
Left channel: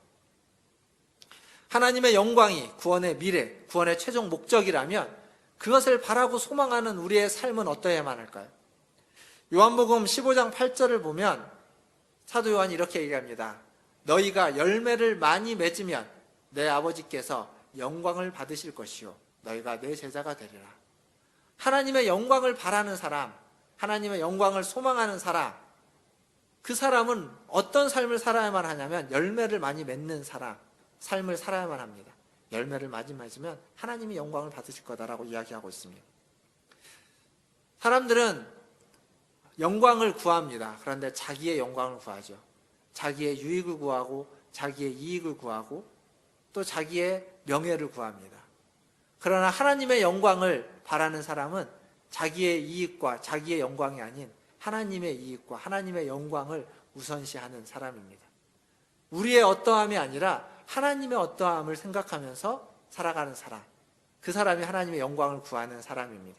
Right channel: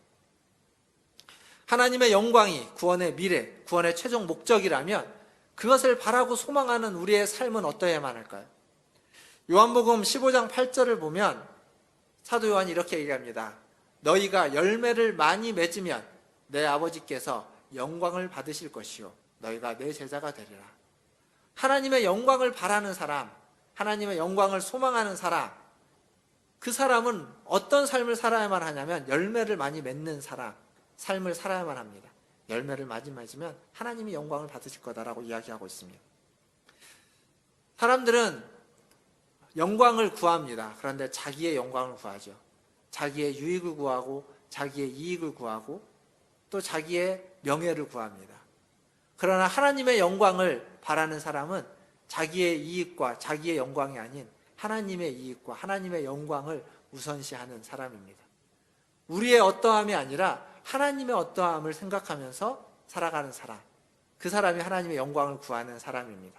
하나님의 영광이 구원의 미래, 구원의 최종 목적이라면 그것을 바라고 소망하는 우리의 삶은 어떠해야만 할까요? 요한복음 15장 8절을 보면 사도 요한이 이렇게 얘기합니다. 너희가 열매를 많이 맺으면 내 아버지께서 영광을 받으실 것이요 너희가 내 제자가 되리라. 하나님의 영광을 바라는 사람, 하나님의 영광을 소망하는 사람, 그 사람은 어떤 삶을 살아야만 하냐면 열매를 많이 맺는 사람, 삶을 살아야만 합니다. 열매를 많이 맺으면 하나님이 영광을 받으실 거다라고 이야기하고 있습니다. 사람들은 영광을 구합니다. 그런데 자기의 영광을 구하죠. 자기의 유익을 구하고 자기의 이익을 구하고 또 자기의 명예를 구합니다. 그러나 하나님의 영광을 바라는 사람은 자기의 이익과 자기의 영광이 아닌 하나님의 이익과 하나님의 영광을 우선시하는 사람입니다. 우리의 어떠함이 아니라 하나님의 어떠함을 생각하면서 살아가는 사람, 그 사람이 하나님의 영광을 구하는 사람입니다.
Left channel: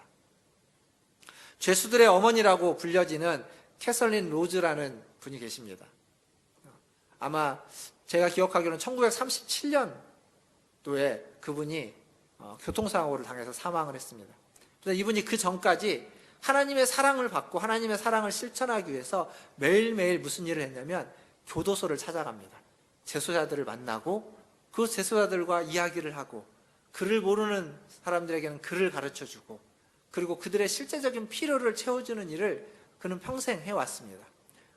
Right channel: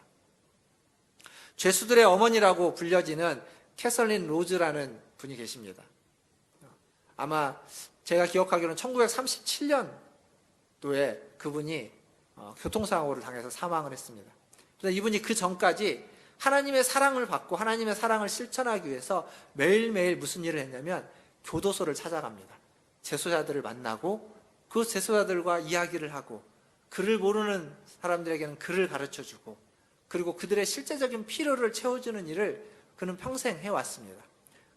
죄수들의 어머니라고 불려지는 캐서린 로즈라는 분이 계십니다. 아마 제가 기억하기로는 1937년도에 그분이 교통사고를 당해서 사망을 했습니다. 그런데 이분이 그 전까지 하나님의 사랑을 받고 하나님의 사랑을 실천하기 위해서 매일매일 무슨 일을 했냐면 교도소를 찾아갑니다. 재소자들을 만나고 그 재소자들과 이야기를 하고 글을 모르는 사람들에게는 글을 가르쳐주고 그리고 그들의 실제적인 필요를 채워주는 일을 그는 평생 해왔습니다.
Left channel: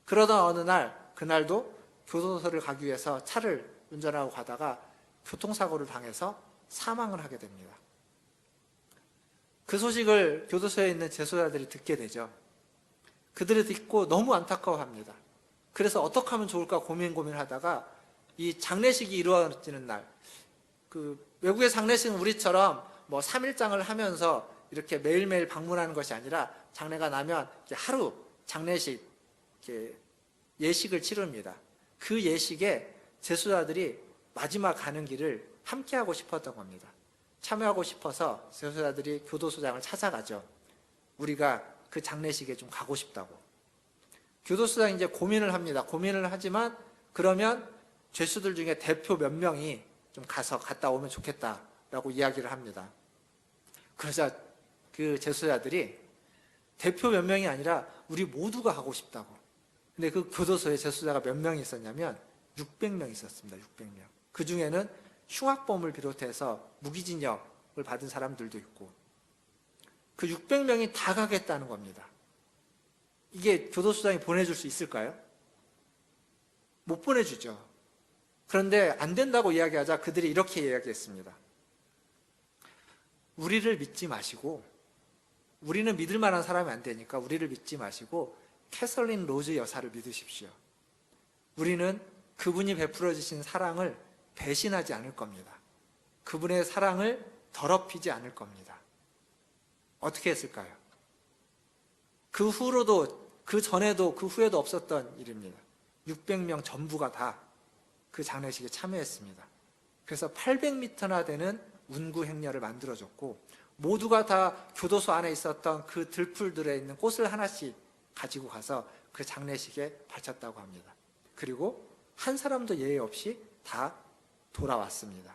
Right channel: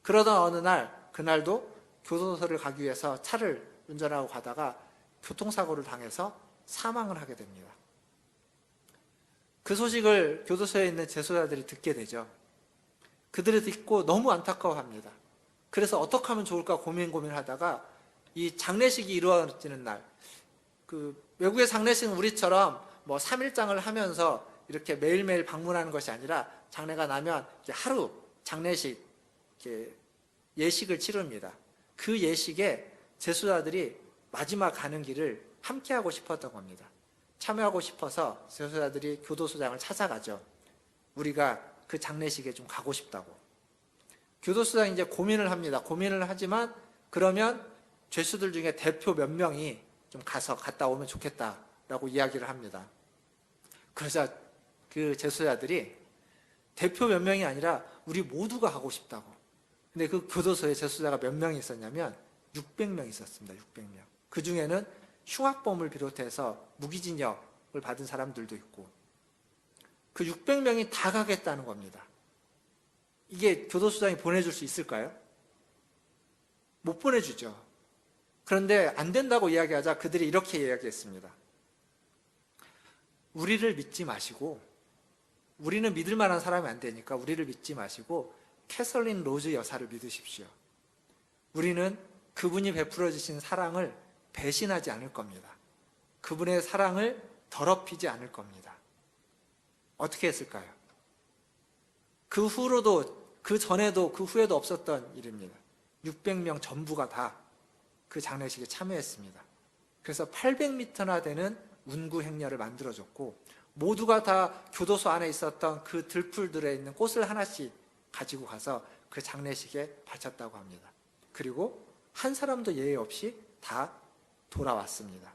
그러다 어느 날 그날도 교도소를 가기 위해서 차를 운전하고 가다가 교통사고를 당해서 사망을 하게 됩니다. 그 소식을 교도소에 있는 재소자들이 듣게 되죠. 그들을 듣고 너무 안타까워합니다. 그래서 어떻게 하면 좋을까 고민하다가 이 장례식이 이루어지는 날, 그 외국의 장례식은 우리처럼 뭐 3일장을 하면서 이렇게 매일매일 방문하는 것이 아니라 장례가 나면 하루 장례식 예식을 치릅니다. 그 예식에 재소자들이 마지막 가는 길을 함께하고 싶었던 겁니다. 참여하고 싶어서 재소자들이 교도소장을 찾아가죠. 우리가 그 장례식에 좀 가고 싶다고. 교도소장이 이제 고민을 합니다. 고민을 하지만 그러면 죄수들 중에 대표 몇 명이 좀 갔다 오면 좋겠다라고 이야기를 합니다. 그러자 그 재소자들이 대표 몇 명이 아니라 우리 모두가 가고 싶다고. 근데 그 교도소에 재소자가 몇 명이 있었냐면 600명 있었습니다. 600명. 그 중에는 흉악범을 비롯해서 무기징역을 받은 사람들도 있고 그 600명이 다 가겠다는 겁니다. 이게 교도소장이 보내줄 수 있을까요? 못 보내주죠. 그런데 안 된다고 이야기하자 그들이 이렇게 이야기했습니다. 우리를 믿지 마시고 우리는 믿을 만한 사람이 안 되니까 우리를 믿지 마시고 캐서린 로즈 여사를 믿으십시오. 우리는 그분이 베풀어 주신 사랑을 배신하지 않을 겁니다. 그분의 사랑을 더럽히지 않을 겁니다. 어떻게 했을까요? 그 후로도 그 전에도 그 후에도 없었던 일입니다. 600명 전부가 다 그 장례식에 참여했습니다. 그래서 800m나 되는 운구 행렬을 만들어줬고 모두가 다 교도소 안에 있었던 그 들풀들에 있는 꽃을 하나씩 가지고 가서 그 장례식에 바쳤다고 합니다. 그리고 한 사람도 예외 없이 다 돌아왔습니다.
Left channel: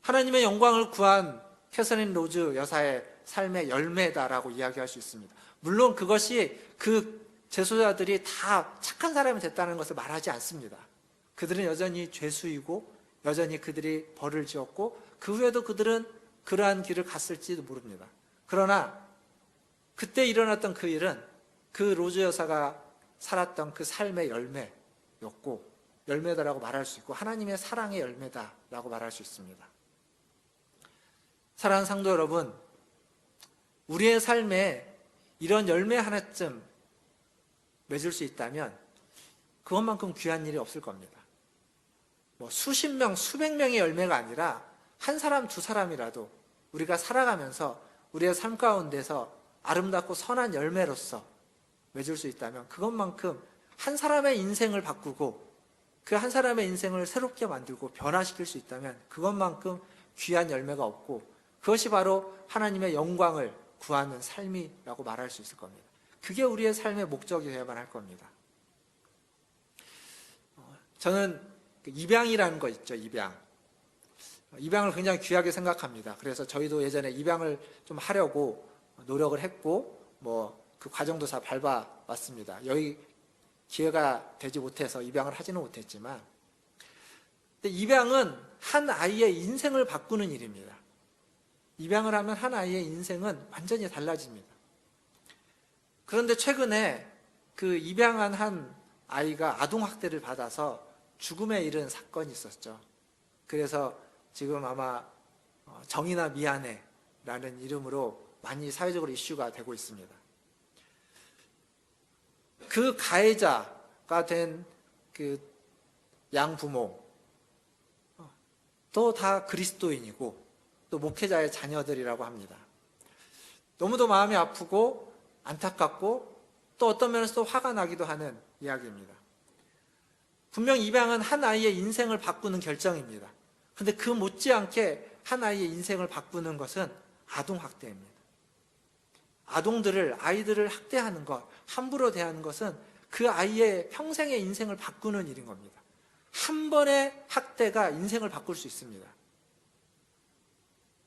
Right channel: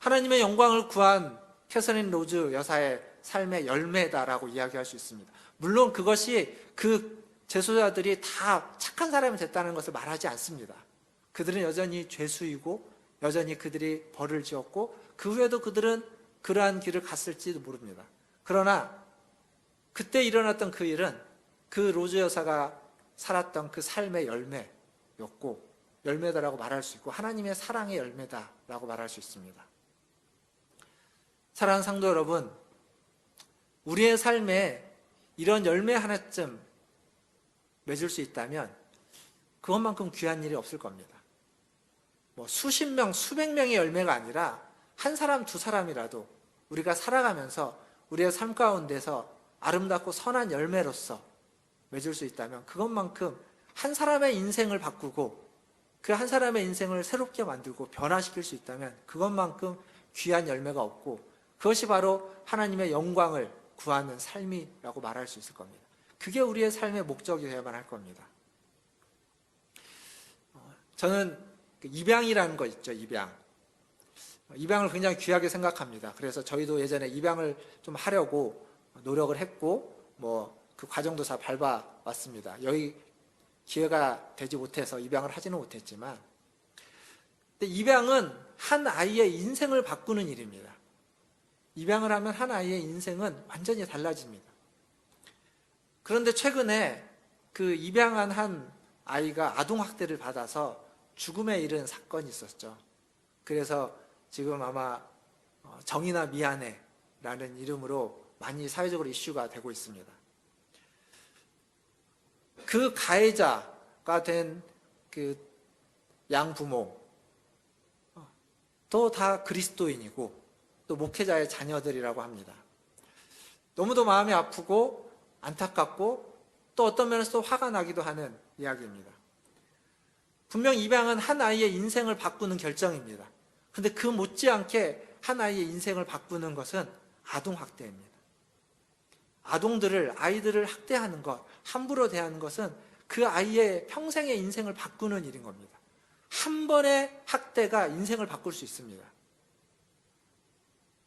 하나님의 영광을 구한 캐서린 로즈 여사의 삶의 열매다라고 이야기할 수 있습니다. 물론 그것이 그 재소자들이 다 착한 사람이 됐다는 것을 말하지 않습니다. 그들은 여전히 죄수이고 여전히 그들이 벌을 지었고 그 후에도 그들은 그러한 길을 갔을지도 모릅니다. 그러나 그때 일어났던 그 일은 그 로즈 여사가 살았던 그 삶의 열매였고 열매다라고 말할 수 있고 하나님의 사랑의 열매다라고 말할 수 있습니다. 사랑하는 성도 여러분, 우리의 삶에 이런 열매 하나쯤 맺을 수 있다면 그것만큼 귀한 일이 없을 겁니다. 뭐 수십 명, 수백 명의 열매가 아니라 한 사람, 두 사람이라도 우리가 살아가면서 우리의 삶 가운데서 아름답고 선한 열매로서 맺을 수 있다면 그것만큼 한 사람의 인생을 바꾸고 그 한 사람의 인생을 새롭게 만들고 변화시킬 수 있다면 그것만큼 귀한 열매가 없고 그것이 바로 하나님의 영광을 구하는 삶이라고 말할 수 있을 겁니다. 그게 우리의 삶의 목적이 되어야만 할 겁니다. 저는 입양이라는 거 있죠, 입양. 입양을 굉장히 귀하게 생각합니다. 그래서 저희도 예전에 입양을 좀 하려고 노력을 했고 그 과정도 다 밟아왔습니다. 여기 기회가 되지 못해서 입양을 하지는 못했지만, 근데 입양은 한 아이의 인생을 바꾸는 일입니다. 입양을 하면 한 아이의 인생은 완전히 달라집니다. 그런데 최근에 그 입양한 한 아이가 아동학대를 받아서 죽음에 이른 사건이 있었죠. 그래서 지금 아마 정의나 미안해 라는 이름으로 많이 사회적으로 이슈가 되고 있습니다. 그 가해자가 된 그 양부모 또 다 그리스도인이고 또 목회자의 자녀들이라고 합니다. 너무도 마음이 아프고 안타깝고 또 어떤 면에서 또 화가 나기도 하는 이야기입니다. 분명 입양은 한 아이의 인생을 바꾸는 결정입니다. 근데 그 못지않게 한 아이의 인생을 바꾸는 것은 아동학대입니다. 아이들을 학대하는 것, 함부로 대하는 것은 그 아이의 평생의 인생을 바꾸는 일인 겁니다. 한 번의 학대가 인생을 바꿀 수 있습니다.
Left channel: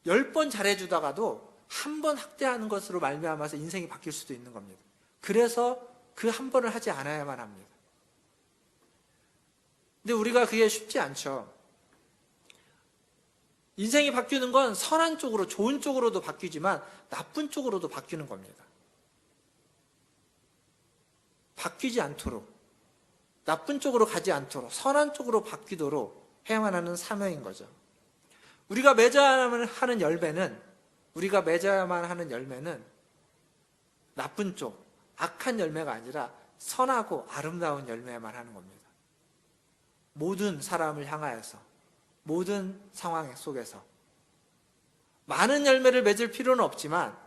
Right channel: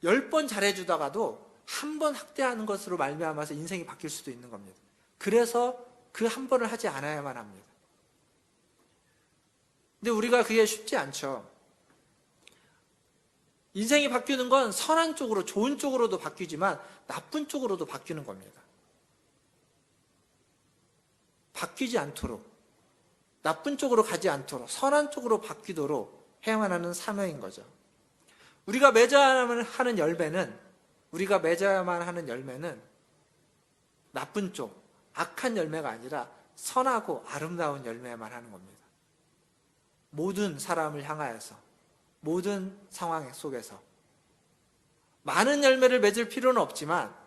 10번 잘해주다가도 한 번 학대하는 것으로 말미암아서 인생이 바뀔 수도 있는 겁니다. 그래서 그 한 번을 하지 않아야만 합니다. 근데 우리가 그게 쉽지 않죠. 인생이 바뀌는 건 선한 쪽으로, 좋은 쪽으로도 바뀌지만 나쁜 쪽으로도 바뀌는 겁니다. 바뀌지 않도록, 나쁜 쪽으로 가지 않도록 선한 쪽으로 바뀌도록 해야만 하는 사명인 거죠. 우리가 맺어야만 하는 열매는 나쁜 쪽, 악한 열매가 아니라 선하고 아름다운 열매만 하는 겁니다. 모든 사람을 향하여서, 모든 상황 속에서 많은 열매를 맺을 필요는 없지만,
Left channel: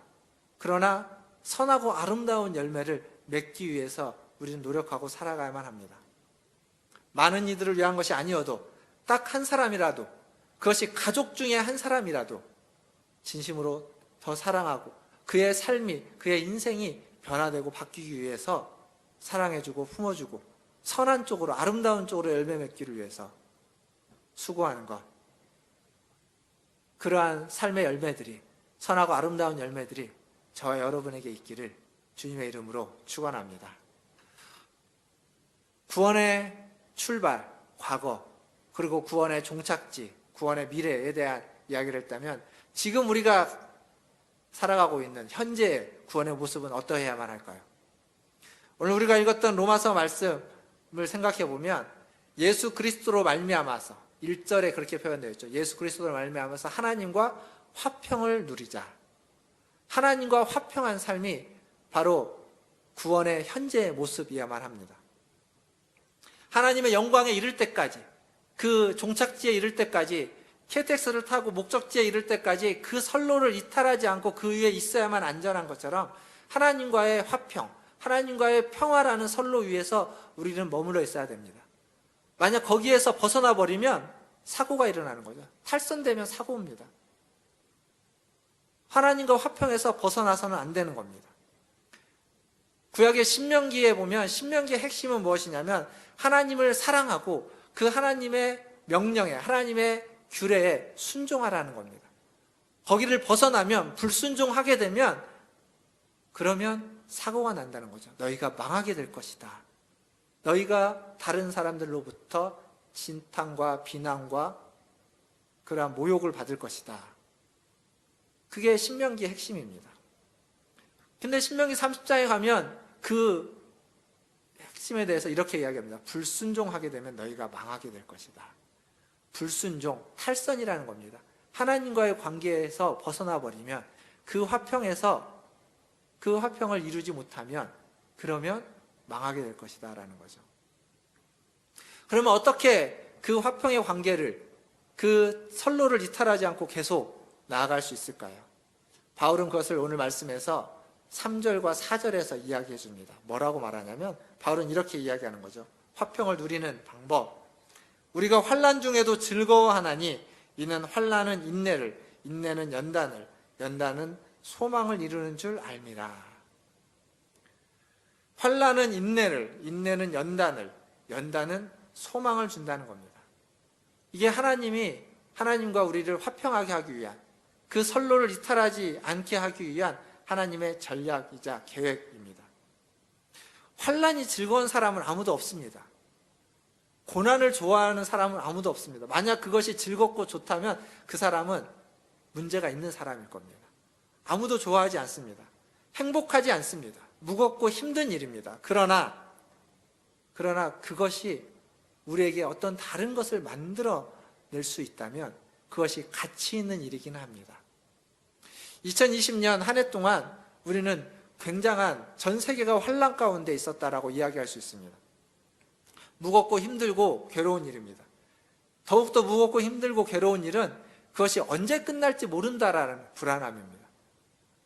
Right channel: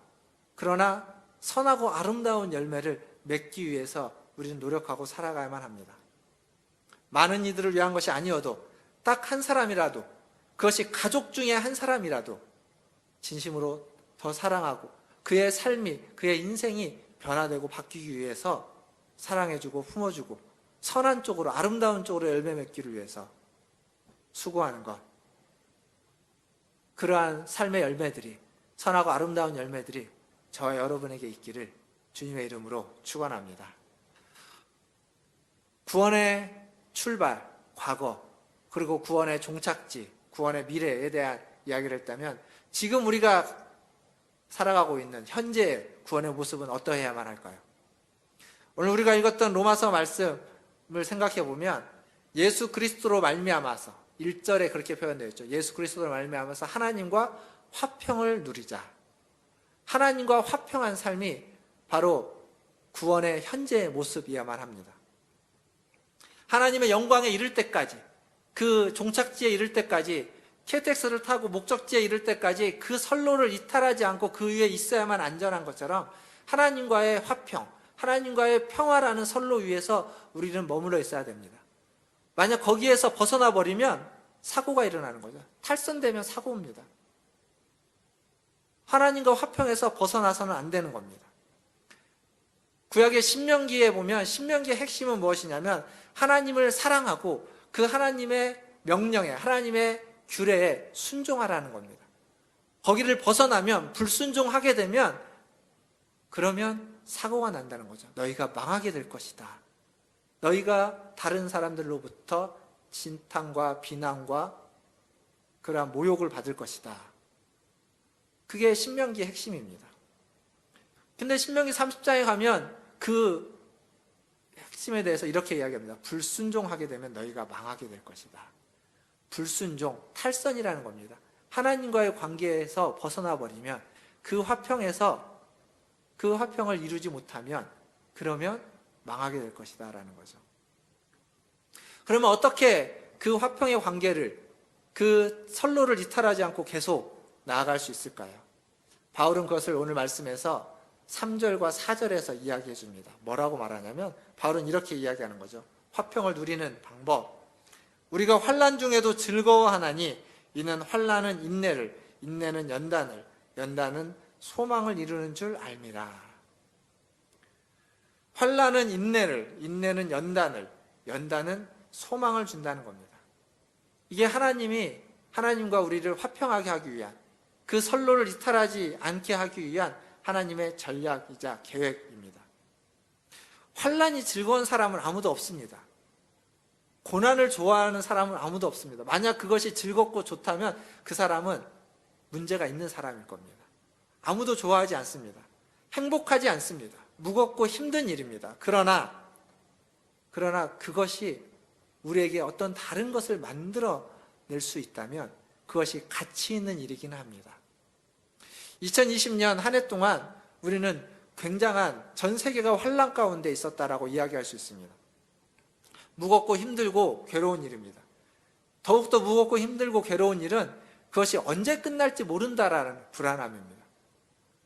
그러나 선하고 아름다운 열매를 맺기 위해서 우리는 노력하고 살아가야만 합니다. 많은 이들을 위한 것이 아니어도 딱 한 사람이라도, 그것이 가족 중에 한 사람이라도 진심으로 더 사랑하고 그의 삶이, 그의 인생이 변화되고 바뀌기 위해서 사랑해주고 품어주고 선한 쪽으로, 아름다운 쪽으로 열매 맺기를 위해서 수고하는 것, 그러한 삶의 열매들이, 선하고 아름다운 열매들이 저와 여러분에게 있기를 주님의 이름으로 축원합니다. 구원의 출발, 과거, 그리고 구원의 종착지, 구원의 미래에 대한 이야기를 했다면, 지금 우리가 살아가고 있는 현재의 구원의 모습은 어떠해야만 할까요? 오늘 우리가 읽었던 로마서 말씀을 생각해 보면, 예수 그리스도로 말미암아서, 1절에 그렇게 표현되어 있죠. 예수 그리스도로 말미암아서 하나님과 화평을 누리자. 하나님과 화평한 삶이 바로 구원의 현재의 모습이야만 합니다. 하나님의 영광에 이를 때까지, 그 종착지에 이를 때까지, KTX를 타고 목적지에 이를 때까지 그 선로를 이탈하지 않고 그 위에 있어야만 안전한 것처럼, 하나님과의 화평, 하나님과의 평화라는 선로 위에서 우리는 머물러 있어야 됩니다. 만약 거기에서 벗어나 버리면 사고가 일어나는 거죠. 탈선되면 사고입니다. 하나님과 화평에서 벗어나서는 안 되는 겁니다. 구약의 신명기에 보면, 신명기의 핵심은 무엇이냐면 하나님을 사랑하고 그 하나님의 명령에, 하나님의 규례에 순종하라는 겁니다. 거기를 벗어나면, 불순종하게 되면, 그러면 사고가 난다는 거죠. 너희가 망하게 될 것이다. 너희가 다른 사람들로부터 진탕과 비난과 그러한 모욕을 받을 것이다. 그게 신명기의 핵심입니다. 근데 신명기 30장에 가면 그 핵심에 대해서 이렇게 이야기합니다. 불순종하게 되면 너희가 망하게 될 것이다. 불순종, 탈선이라는 겁니다. 하나님과의 관계에서 벗어나 버리면, 그 화평에서 그 화평을 이루지 못하면, 그러면 망하게 될 것이다 라는 거죠. 그러면 어떻게 그 화평의 관계를, 그 선로를 이탈하지 않고 계속 나아갈 수 있을까요? 바울은 그것을 오늘 말씀에서 3절과 4절에서 이야기해 줍니다. 뭐라고 말하냐면, 바울은 이렇게 이야기하는 거죠. 화평을 누리는 방법. 우리가 환난 중에도 즐거워하나니 이는 환난은 인내를, 인내는 연단을, 연단은 소망을 이루는 줄 알미라. 환난은 인내를, 인내는 연단을, 연단은 소망을 준다는 겁니다. 이게 하나님이 하나님과 우리를 화평하게 하기 위한, 그 선로를 이탈하지 않게 하기 위한 하나님의 전략이자 계획입니다. 환난이 즐거운 사람은 아무도 없습니다. 고난을 좋아하는 사람은 아무도 없습니다. 만약 그것이 즐겁고 좋다면 그 사람은 문제가 있는 사람일 겁니다. 아무도 좋아하지 않습니다. 행복하지 않습니다. 무겁고 힘든 일입니다. 그러나 그것이 우리에게 어떤 다른 것을 만들어낼 수 있다면 그것이 가치 있는 일이긴 합니다. 2020년 한 해 동안 우리는 굉장한, 전 세계가 환난 가운데 있었다라고 이야기할 수 있습니다. 무겁고 힘들고 괴로운 일입니다. 더욱더 무겁고 힘들고 괴로운 일은 그것이 언제 끝날지 모른다라는 불안함입니다.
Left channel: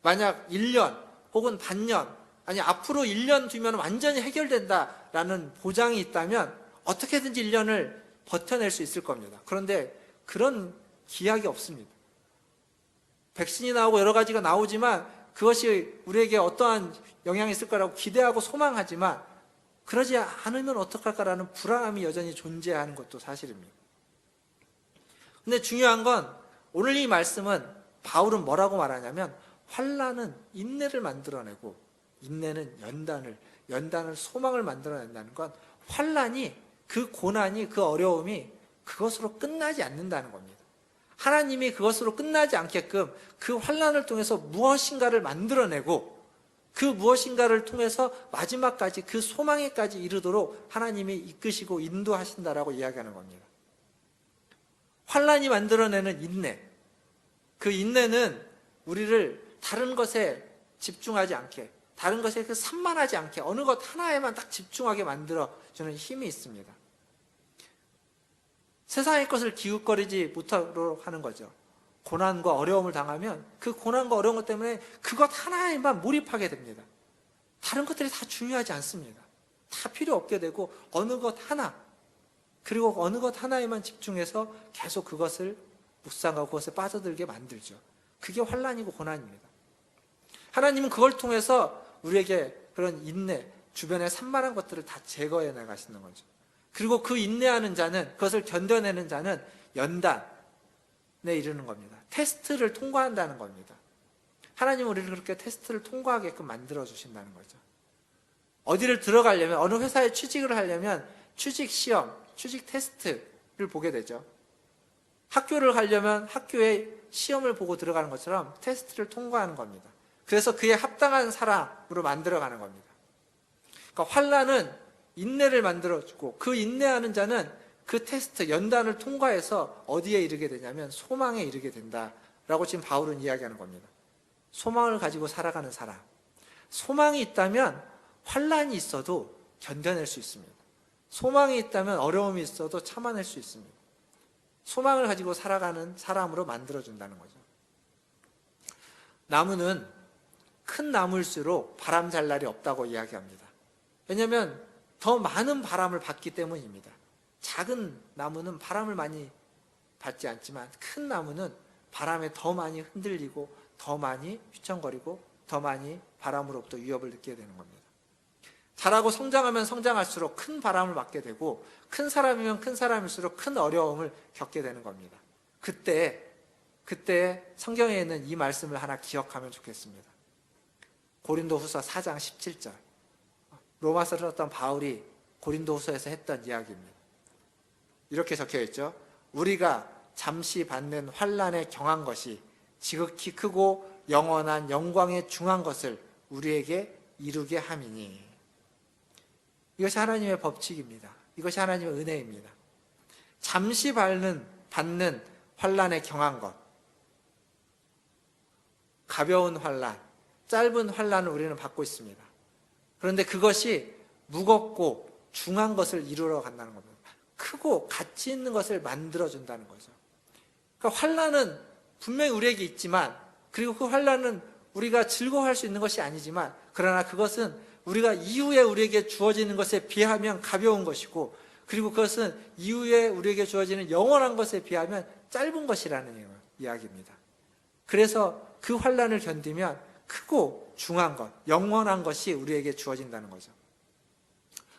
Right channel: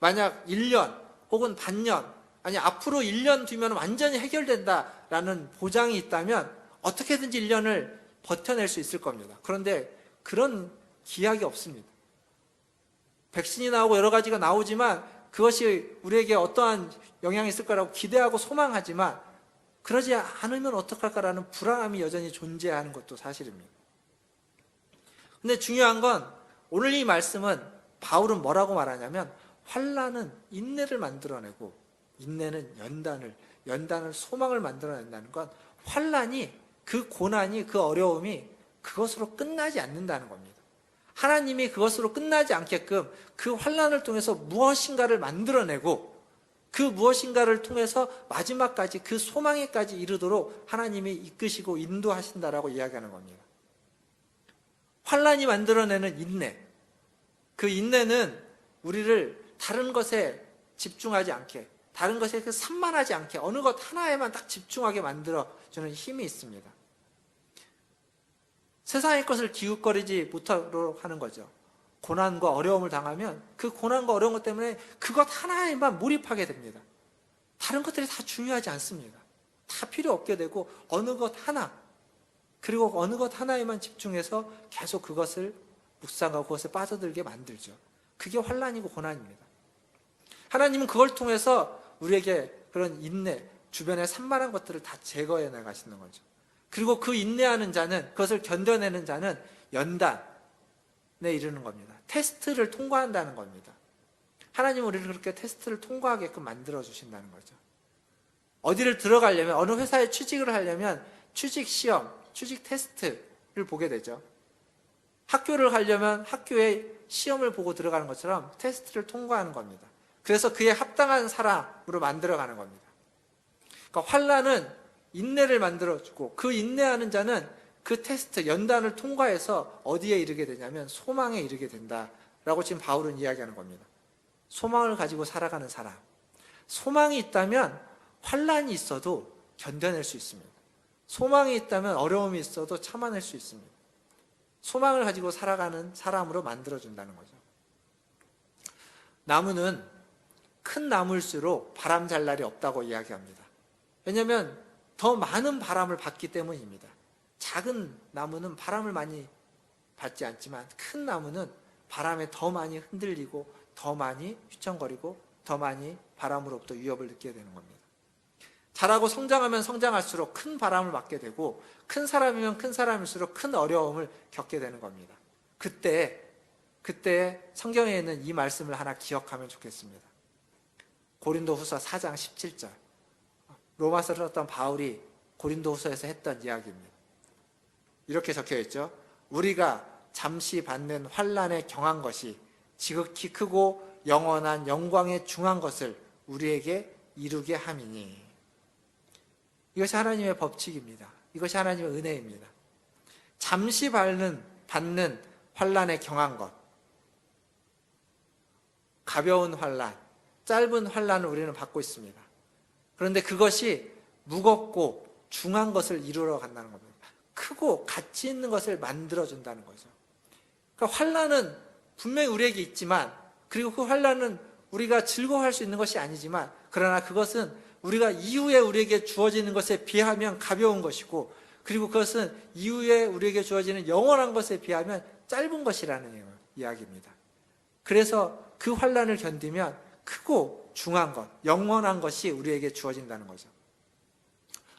만약 1년 혹은 반년, 아니 앞으로 1년 뒤면 완전히 해결된다라는 보장이 있다면 어떻게든지 1년을 버텨낼 수 있을 겁니다. 그런데 그런 기약이 없습니다. 백신이 나오고 여러 가지가 나오지만 그것이 우리에게 어떠한 영향이 있을 거라고 기대하고 소망하지만 그러지 않으면 어떡할까라는 불안함이 여전히 존재하는 것도 사실입니다. 근데 중요한 건 오늘 이 말씀은 바울은 뭐라고 말하냐면 환난은 인내를 만들어내고 인내는 연단을 소망을 만들어낸다는 건 환난이, 그 고난이, 그 어려움이 그것으로 끝나지 않는다는 겁니다. 하나님이 그것으로 끝나지 않게끔 그 환난을 통해서 무엇인가를 만들어내고 그 무엇인가를 통해서 마지막까지 그 소망에까지 이르도록 하나님이 이끄시고 인도하신다라고 이야기하는 겁니다. 환난이 만들어내는 인내, 그 인내는 우리를 다른 것에 집중하지 않게, 다른 것에 산만하지 않게 어느 것 하나에만 딱 집중하게 만들어주는 힘이 있습니다. 세상의 것을 기웃거리지 못하도록 하는 거죠. 고난과 어려움을 당하면 그 고난과 어려운 것 때문에 그것 하나에만 몰입하게 됩니다. 다른 것들이 다 중요하지 않습니다. 다 필요 없게 되고 어느 것 하나, 그리고 어느 것 하나에만 집중해서 계속 그것을 묵상하고 그것에 빠져들게 만들죠. 그게 환난이고 고난입니다. 하나님은 그걸 통해서 우리에게 그런 인내, 주변의 산만한 것들을 다 제거해 나가시는 거죠. 그리고 그 인내하는 자는, 그것을 견뎌내는 자는 연단에 이르는 겁니다. 테스트를 통과한다는 겁니다. 하나님은 우리를 그렇게 테스트를 통과하게끔 만들어주신다는 거죠. 어디를 들어가려면, 어느 회사에 취직을 하려면 취직 시험, 취직 테스트를 보게 되죠. 학교를 가려면 학교의 시험을 보고 들어가는 것처럼 테스트를 통과하는 겁니다. 그래서 그에 합당한 사람으로 만들어가는 겁니다. 그러니까 환난은 인내를 만들어주고 그 인내하는 자는 그 테스트, 연단을 통과해서 어디에 이르게 되냐면 소망에 이르게 된다라고 지금 바울은 이야기하는 겁니다. 소망을 가지고 살아가는 사람. 소망이 있다면 환난이 있어도 견뎌낼 수 있습니다. 소망이 있다면 어려움이 있어도 참아낼 수 있습니다. 소망을 가지고 살아가는 사람으로 만들어준다는 거죠. 나무는 큰 나무일수록 바람 잘 날이 없다고 이야기합니다. 왜냐하면 더 많은 바람을 받기 때문입니다. 작은 나무는 바람을 많이 받지 않지만 큰 나무는 바람에 더 많이 흔들리고 더 많이 휘청거리고 더 많이 바람으로부터 위협을 느끼게 되는 겁니다. 자라고 성장하면 성장할수록 큰 바람을 맞게 되고 큰 사람이면 큰 사람일수록 큰 어려움을 겪게 되는 겁니다. 그때 성경에 있는 이 말씀을 하나 기억하면 좋겠습니다. 고린도후서 4장 17절. 로마서를 썼던 바울이 고린도후서에서 했던 이야기입니다. 이렇게 적혀 있죠. 우리가 잠시 받는 환난에 경한 것이 지극히 크고 영원한 영광에 중한 것을 우리에게 이루게 함이니. 이것이 하나님의 법칙입니다. 이것이 하나님의 은혜입니다. 잠시 받는 환난에 경한 것, 가벼운 환난, 짧은 환난을 우리는 받고 있습니다. 그런데 그것이 무겁고 중한 것을 이루러 간다는 겁니다. 크고 가치 있는 것을 만들어준다는 거죠. 그러니까 환난은 분명히 우리에게 있지만, 그리고 그 환난은 우리가 즐거워할 수 있는 것이 아니지만, 그러나 그것은 우리가 이후에 우리에게 주어지는 것에 비하면 가벼운 것이고, 그리고 그것은 이후에 우리에게 주어지는 영원한 것에 비하면 짧은 것이라는 이야기입니다. 그래서 그 환난을 견디면 크고 중한 것, 영원한 것이 우리에게 주어진다는 거죠.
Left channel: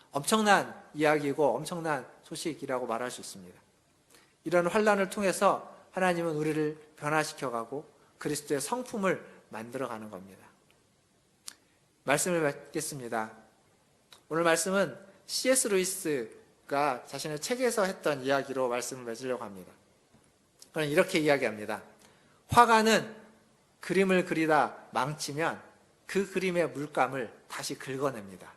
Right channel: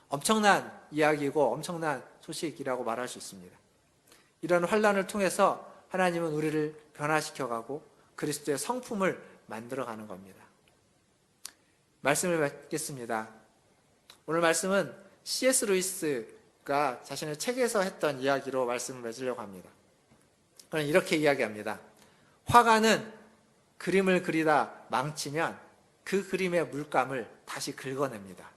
엄청난 이야기고 엄청난 소식이라고 말할 수 있습니다. 이런 환난을 통해서 하나님은 우리를 변화시켜가고 그리스도의 성품을 만들어가는 겁니다. 말씀을 맺겠습니다. 오늘 말씀은 C.S. 루이스가 자신의 책에서 했던 이야기로 말씀을 맺으려고 합니다. 그는 이렇게 이야기합니다. 화가는 그림을 그리다 망치면 그 그림의 물감을 다시 긁어냅니다.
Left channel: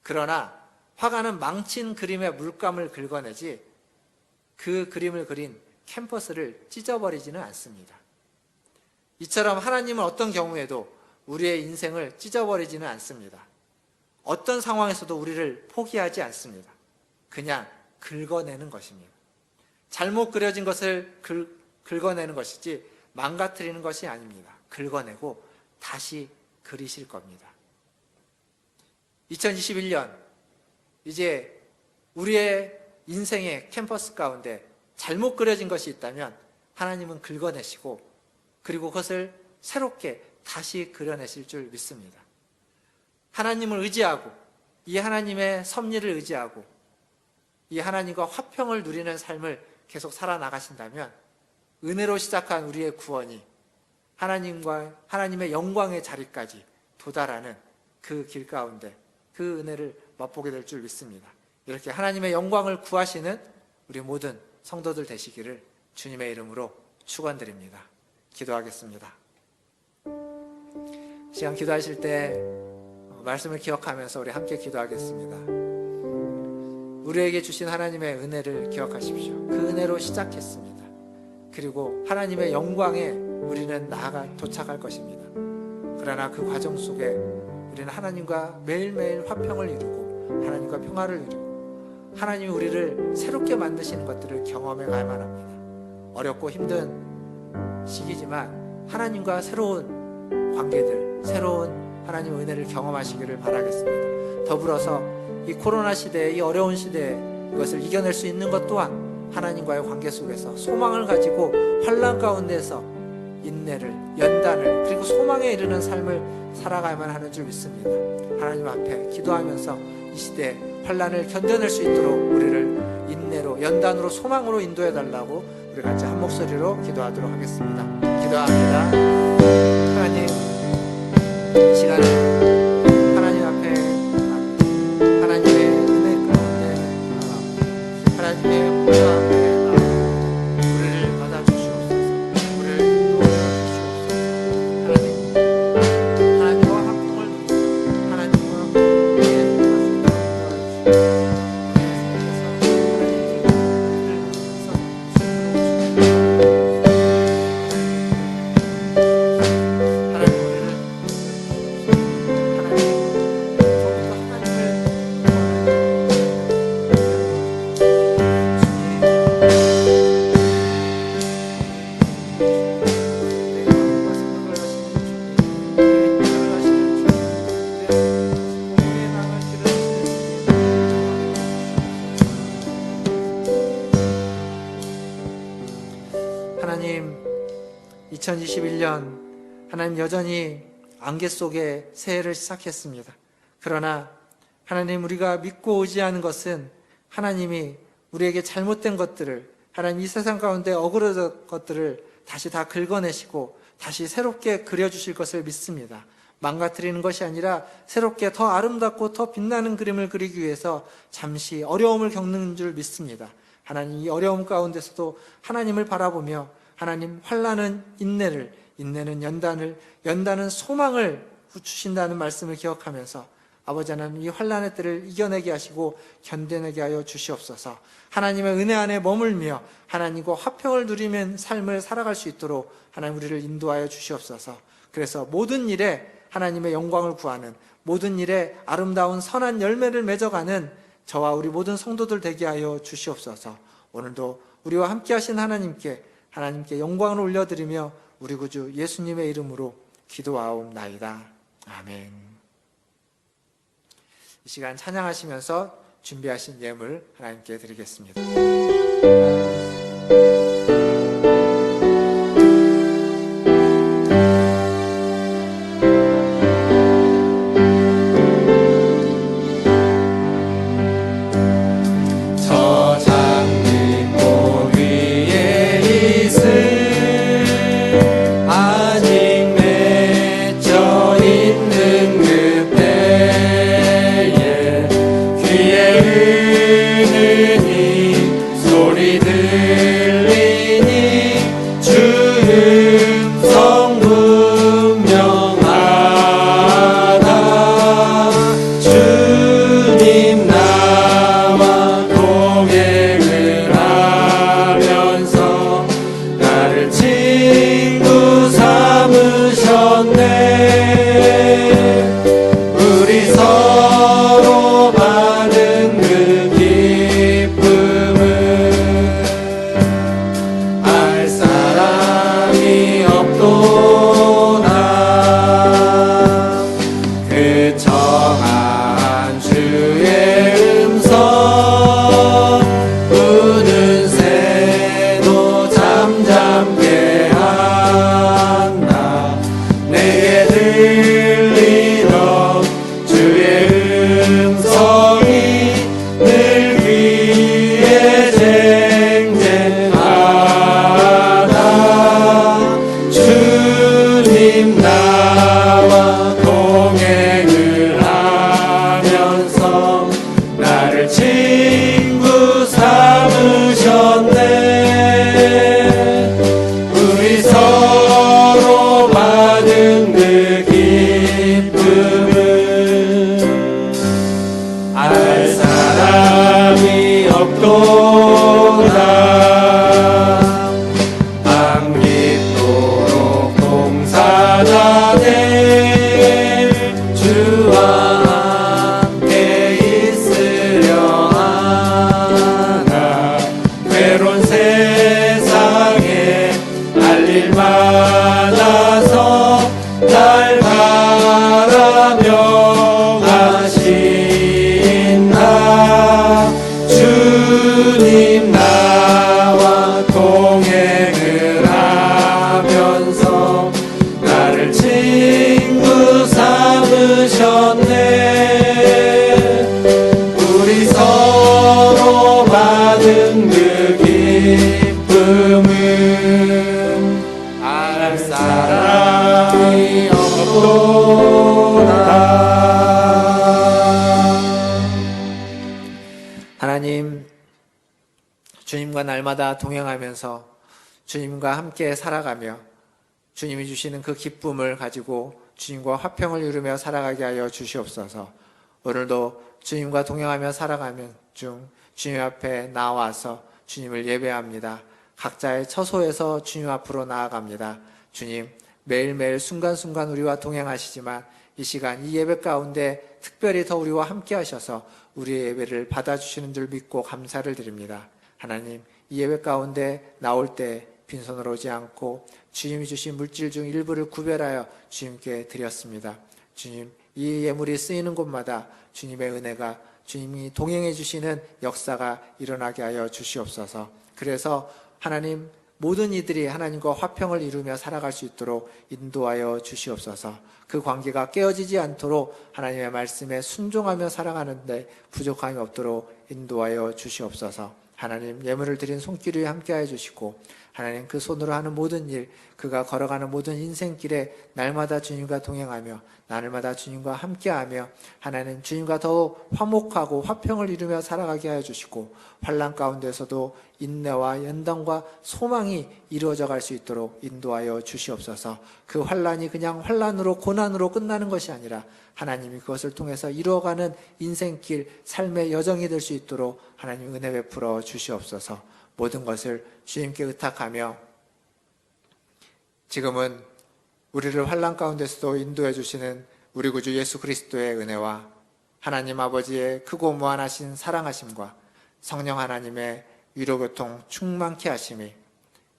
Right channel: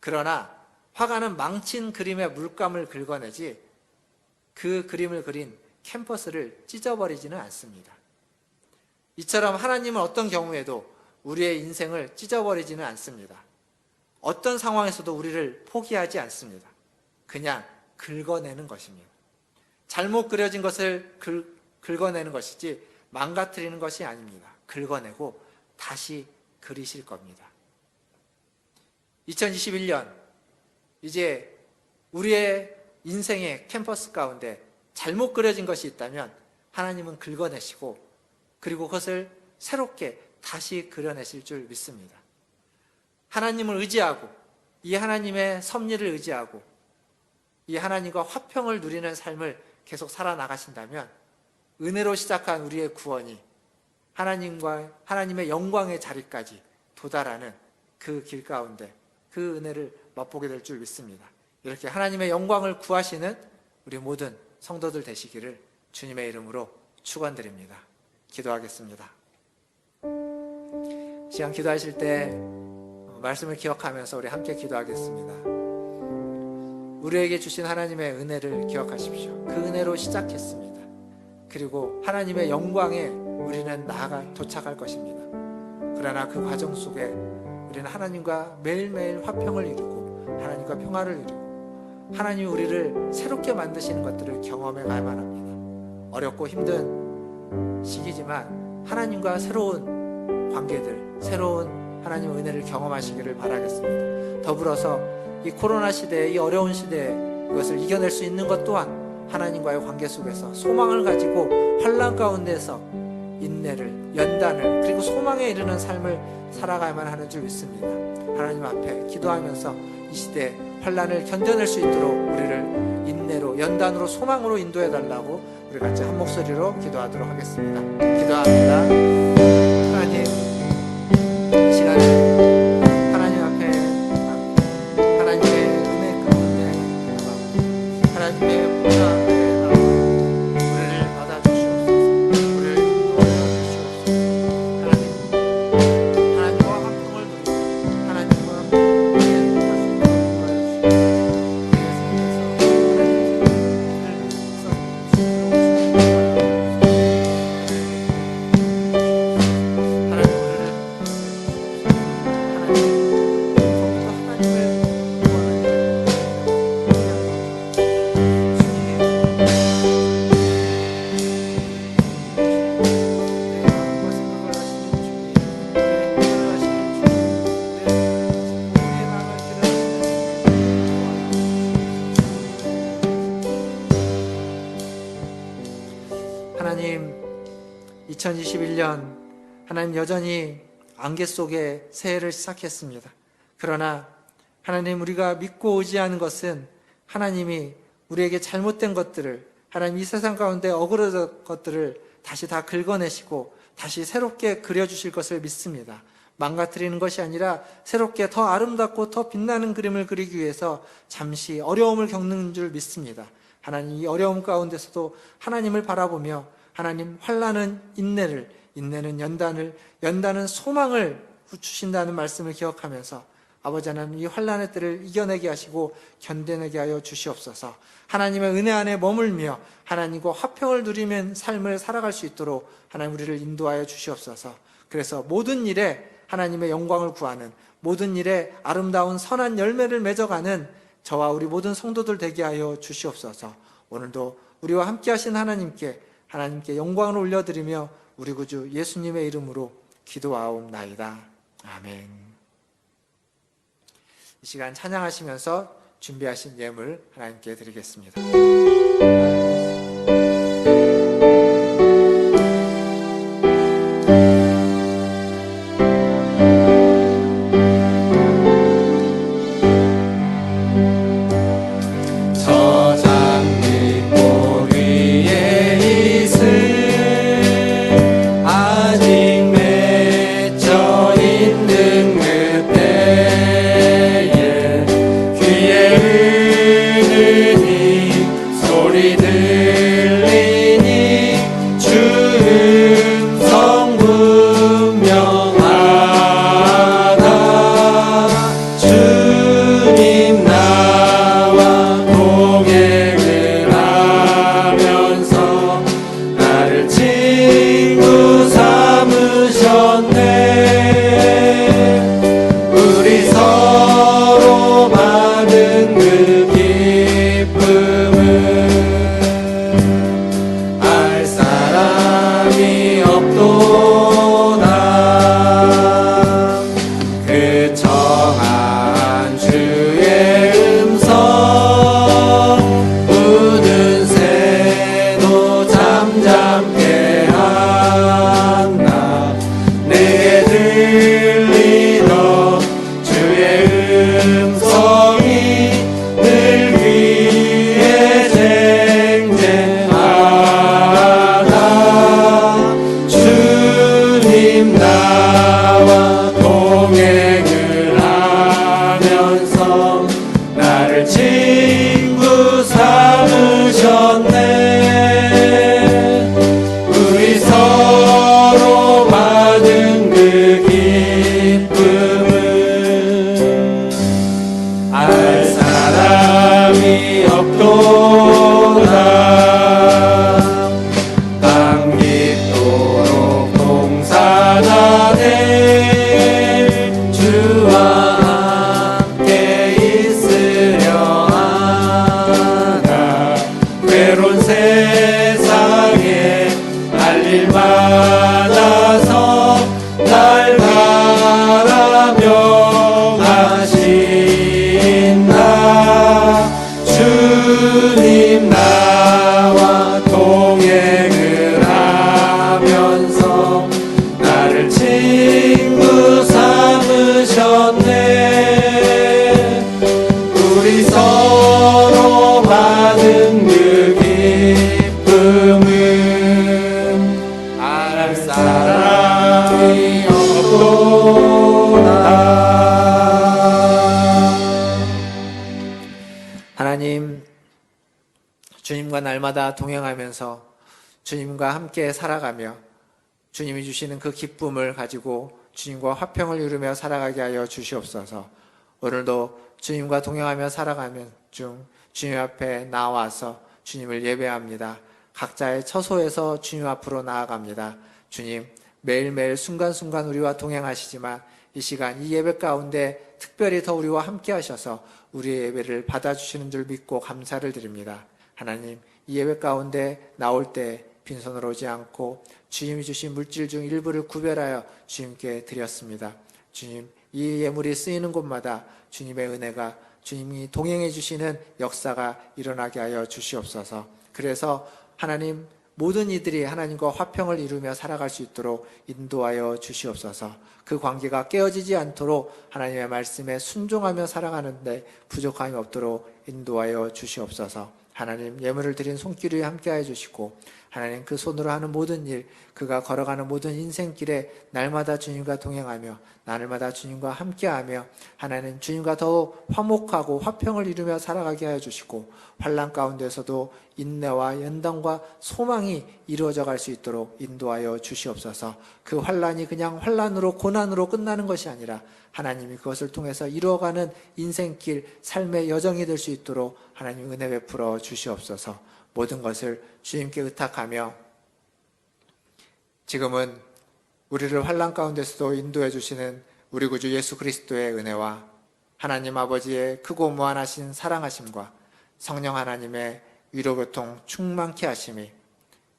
그러나 화가는 망친 그림의 물감을 긁어내지 그 그림을 그린 캔버스를 찢어버리지는 않습니다. 이처럼 하나님은 어떤 경우에도 우리의 인생을 찢어버리지는 않습니다. 어떤 상황에서도 우리를 포기하지 않습니다. 그냥 긁어내는 것입니다. 잘못 그려진 것을 긁어내는 것이지 망가뜨리는 것이 아닙니다. 긁어내고 다시 그리실 겁니다. 2021년 이제 우리의 인생의 캔버스 가운데 잘못 그려진 것이 있다면 하나님은 긁어내시고 그리고 그것을 새롭게 다시 그려내실 줄 믿습니다. 하나님을 의지하고 이 하나님의 섭리를 의지하고 이 하나님과 화평을 누리는 삶을 계속 살아나가신다면 은혜로 시작한 우리의 구원이 하나님과 하나님의 영광의 자리까지 도달하는 그 길 가운데 그 은혜를 맛보게 될 줄 믿습니다. 이렇게 하나님의 영광을 구하시는 우리 모든 성도들 되시기를 주님의 이름으로 축원드립니다. 기도하겠습니다. 시간 기도하실 때 말씀을 기억하면서 우리 함께 기도하겠습니다. 우리에게 주신 하나님의 은혜를 기억하십시오. 그 은혜로 시작했습니다. 그리고 하나님의 영광에 우리는 도착할 것입니다. 그러나 그 과정 속에 우리는 하나님과 매일매일 화평을 이루고 하나님과 평화를 이루고 하나님이 우리를 새롭게 만드시는 것들을 경험해 가야만 합니다. 어렵고 힘든 시기지만 하나님과 새로운 관계들, 새로운 하나님의 은혜를 경험하시기를 바라겠습니다. 더불어서 이 코로나 시대에, 이 어려운 시대에 이것을 이겨낼 수 있는 것 또한 하나님과의 관계 속에서 소망을 가지고 환난 가운데서 인내를, 연단을, 그리고 소망에 이르는 삶을 살아가야만 하는 줄 믿습니다. 하나님 앞에 기도하면서 이 시대에 환난을 견뎌낼 수 있도록 우리를 인내로, 연단으로, 소망으로 인도해 달라고 우리 같이 한 목소리로 기도하도록 하겠습니다. 기도합니다. 하나님, 이 시간에 하나님 앞에 하나님의 은혜 가운데 하나님의 영광 앞에 우리를 받아주시옵소서. 우리를 도와주시옵소서. 하나님과 화평을 누리고 하나님과 하나님, 2021년 하나님 여전히 안개 속에 새해를 시작했습니다. 그러나 하나님, 우리가 믿고 의지하는 것은 하나님이 우리에게 잘못된 것들을, 하나님 이 세상 가운데 어그러진 것들을 다시 다 긁어내시고 다시 새롭게 그려주실 것을 믿습니다. 망가뜨리는 것이 아니라 새롭게 더 아름답고 더 빛나는 그림을 그리기 위해서 잠시 어려움을 겪는 줄 믿습니다. 하나님, 이 어려움 가운데서도 하나님을 바라보며 하나님, 환난은 인내를, 인내는 연단을, 연단은 소망을 주신다는 말씀을 기억하면서 아버지 하나님, 이 환난의 때를 이겨내게 하시고 견뎌내게 하여 주시옵소서. 하나님의 은혜 안에 머물며 하나님과 화평을 누리는 삶을 살아갈 수 있도록 하나님 우리를 인도하여 주시옵소서. 그래서 모든 일에 하나님의 영광을 구하는, 모든 일에 아름다운 선한 열매를 맺어가는 저와 우리 모든 성도들 되게 하여 주시옵소서. 오늘도 우리와 함께 하신 하나님께 영광을 올려드리며 우리 구주 예수님의 이름으로 기도하옵나이다. 아멘. 이 시간 찬양하시면서 준비하신 예물 하나님께 드리겠습니다. 저 장미꽃 위에 들리니 주 음성 분명하다 주님 나와 동행을 하면서 나를 친구 삼으셨네 우리 서로 받은 그 기쁨을 알 사람이 없도다 그 정한 주의 음성 우는 새도 잠잠게 한다 내게 들리던 주의 음성이 늘 귀에 쟁쟁하다 주님 나와 동행을 하면서 나를 친구 삼으셨네 우리 서로 받은 그 기쁨을 알 사람이 없도다 밤낮도록 동사가 될 주와 함께 있으려 하나 외로운 세상에 날일 많아서 날 바라며 가신다 주님 나와 동행을 하면서 나를 친구 삼으셨네 우리 서로 받은 그 기쁨을 알 사람이 없도다 하나님, 주님과 날마다 동행하면서 주님과 함께 살아가며 주님이 주시는 그 기쁨을 가지고 주님과 화평을 이루며 살아가게 하여 주시옵소서. 오늘도 주님과 동행하며 살아가는 중 주님 앞에 나와서 주님을 예배합니다. 각자의 처소에서 주님 앞으로 나아갑니다. 주님, 매일매일 순간순간 우리와 동행하시지만 이 시간 이 예배 가운데 특별히 더 우리와 함께 하셔서 우리의 예배를 받아주시는 줄 믿고 감사를 드립니다. 하나님, 이 예배 가운데 나올 때 빈손으로 오지 않고 주님이 주신 물질 중 일부를 구별하여 주님께 드렸습니다. 주님, 이 예물이 쓰이는 곳마다 주님의 은혜가 주님이 동행해 주시는 역사가 일어나게 하여 주시옵소서. 그래서 하나님, 모든 이들이 하나님과 화평을 이루며 살아갈 수 있도록 인도하여 주시옵소서. 그 관계가 깨어지지 않도록 하나님의 말씀에 순종하며 살아가는데 부족함이 없도록 인도하여 주시옵소서. 하나님, 예물을 드린 손길 위에 함께해 주시고 하나님, 그 손으로 하는 모든 일, 그가 걸어가는 모든 인생길에 날마다 주님과 동행하며 날마다 주님과 함께하며 하나님, 주님과 더욱 화목하고 화평을 이루며 살아가게 하여 주시고 환난 가운데서도 인내와 연단과 소망이 이루어져 갈 수 있도록 인도하여 주시옵소서. 그 환난이 그냥 환난으로 고난으로 끝나는 것이 아니라 하나님이 그것을 통해서 이루어가는 인생길, 삶의 여정이 될 수 있도록 하나님 은혜 베풀어 주시옵소서. 모든 것을 주님께 의탁하며 지금은 우리를 환난 가운데서도 인도해 주시는 우리 구주 예수 그리스도의 은혜와 하나님 아버지의 크고 무한하신 사랑하심과 성령 하나님의 위로교통 충만케 하심이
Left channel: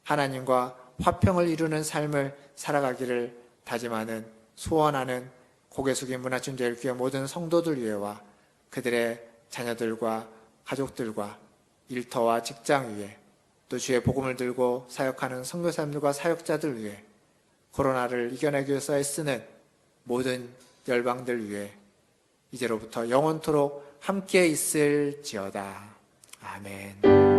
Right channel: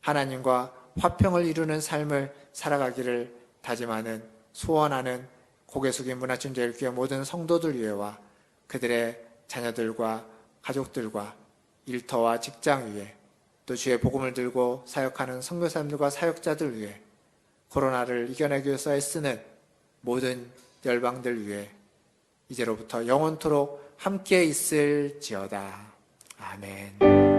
하나님과 화평을 이루는 삶을 살아가기를 다짐하는 소원하는 고개 숙인 문화춘제일교회 모든 성도들 위에와 그들의 자녀들과 가족들과 일터와 직장 위에 또 주의 복음을 들고 사역하는 선교사님들과 사역자들 위해 코로나를 이겨내기 위해서 애쓰는 모든 열방들 위해 이제로부터 영원토록 함께 있을지어다. 아멘.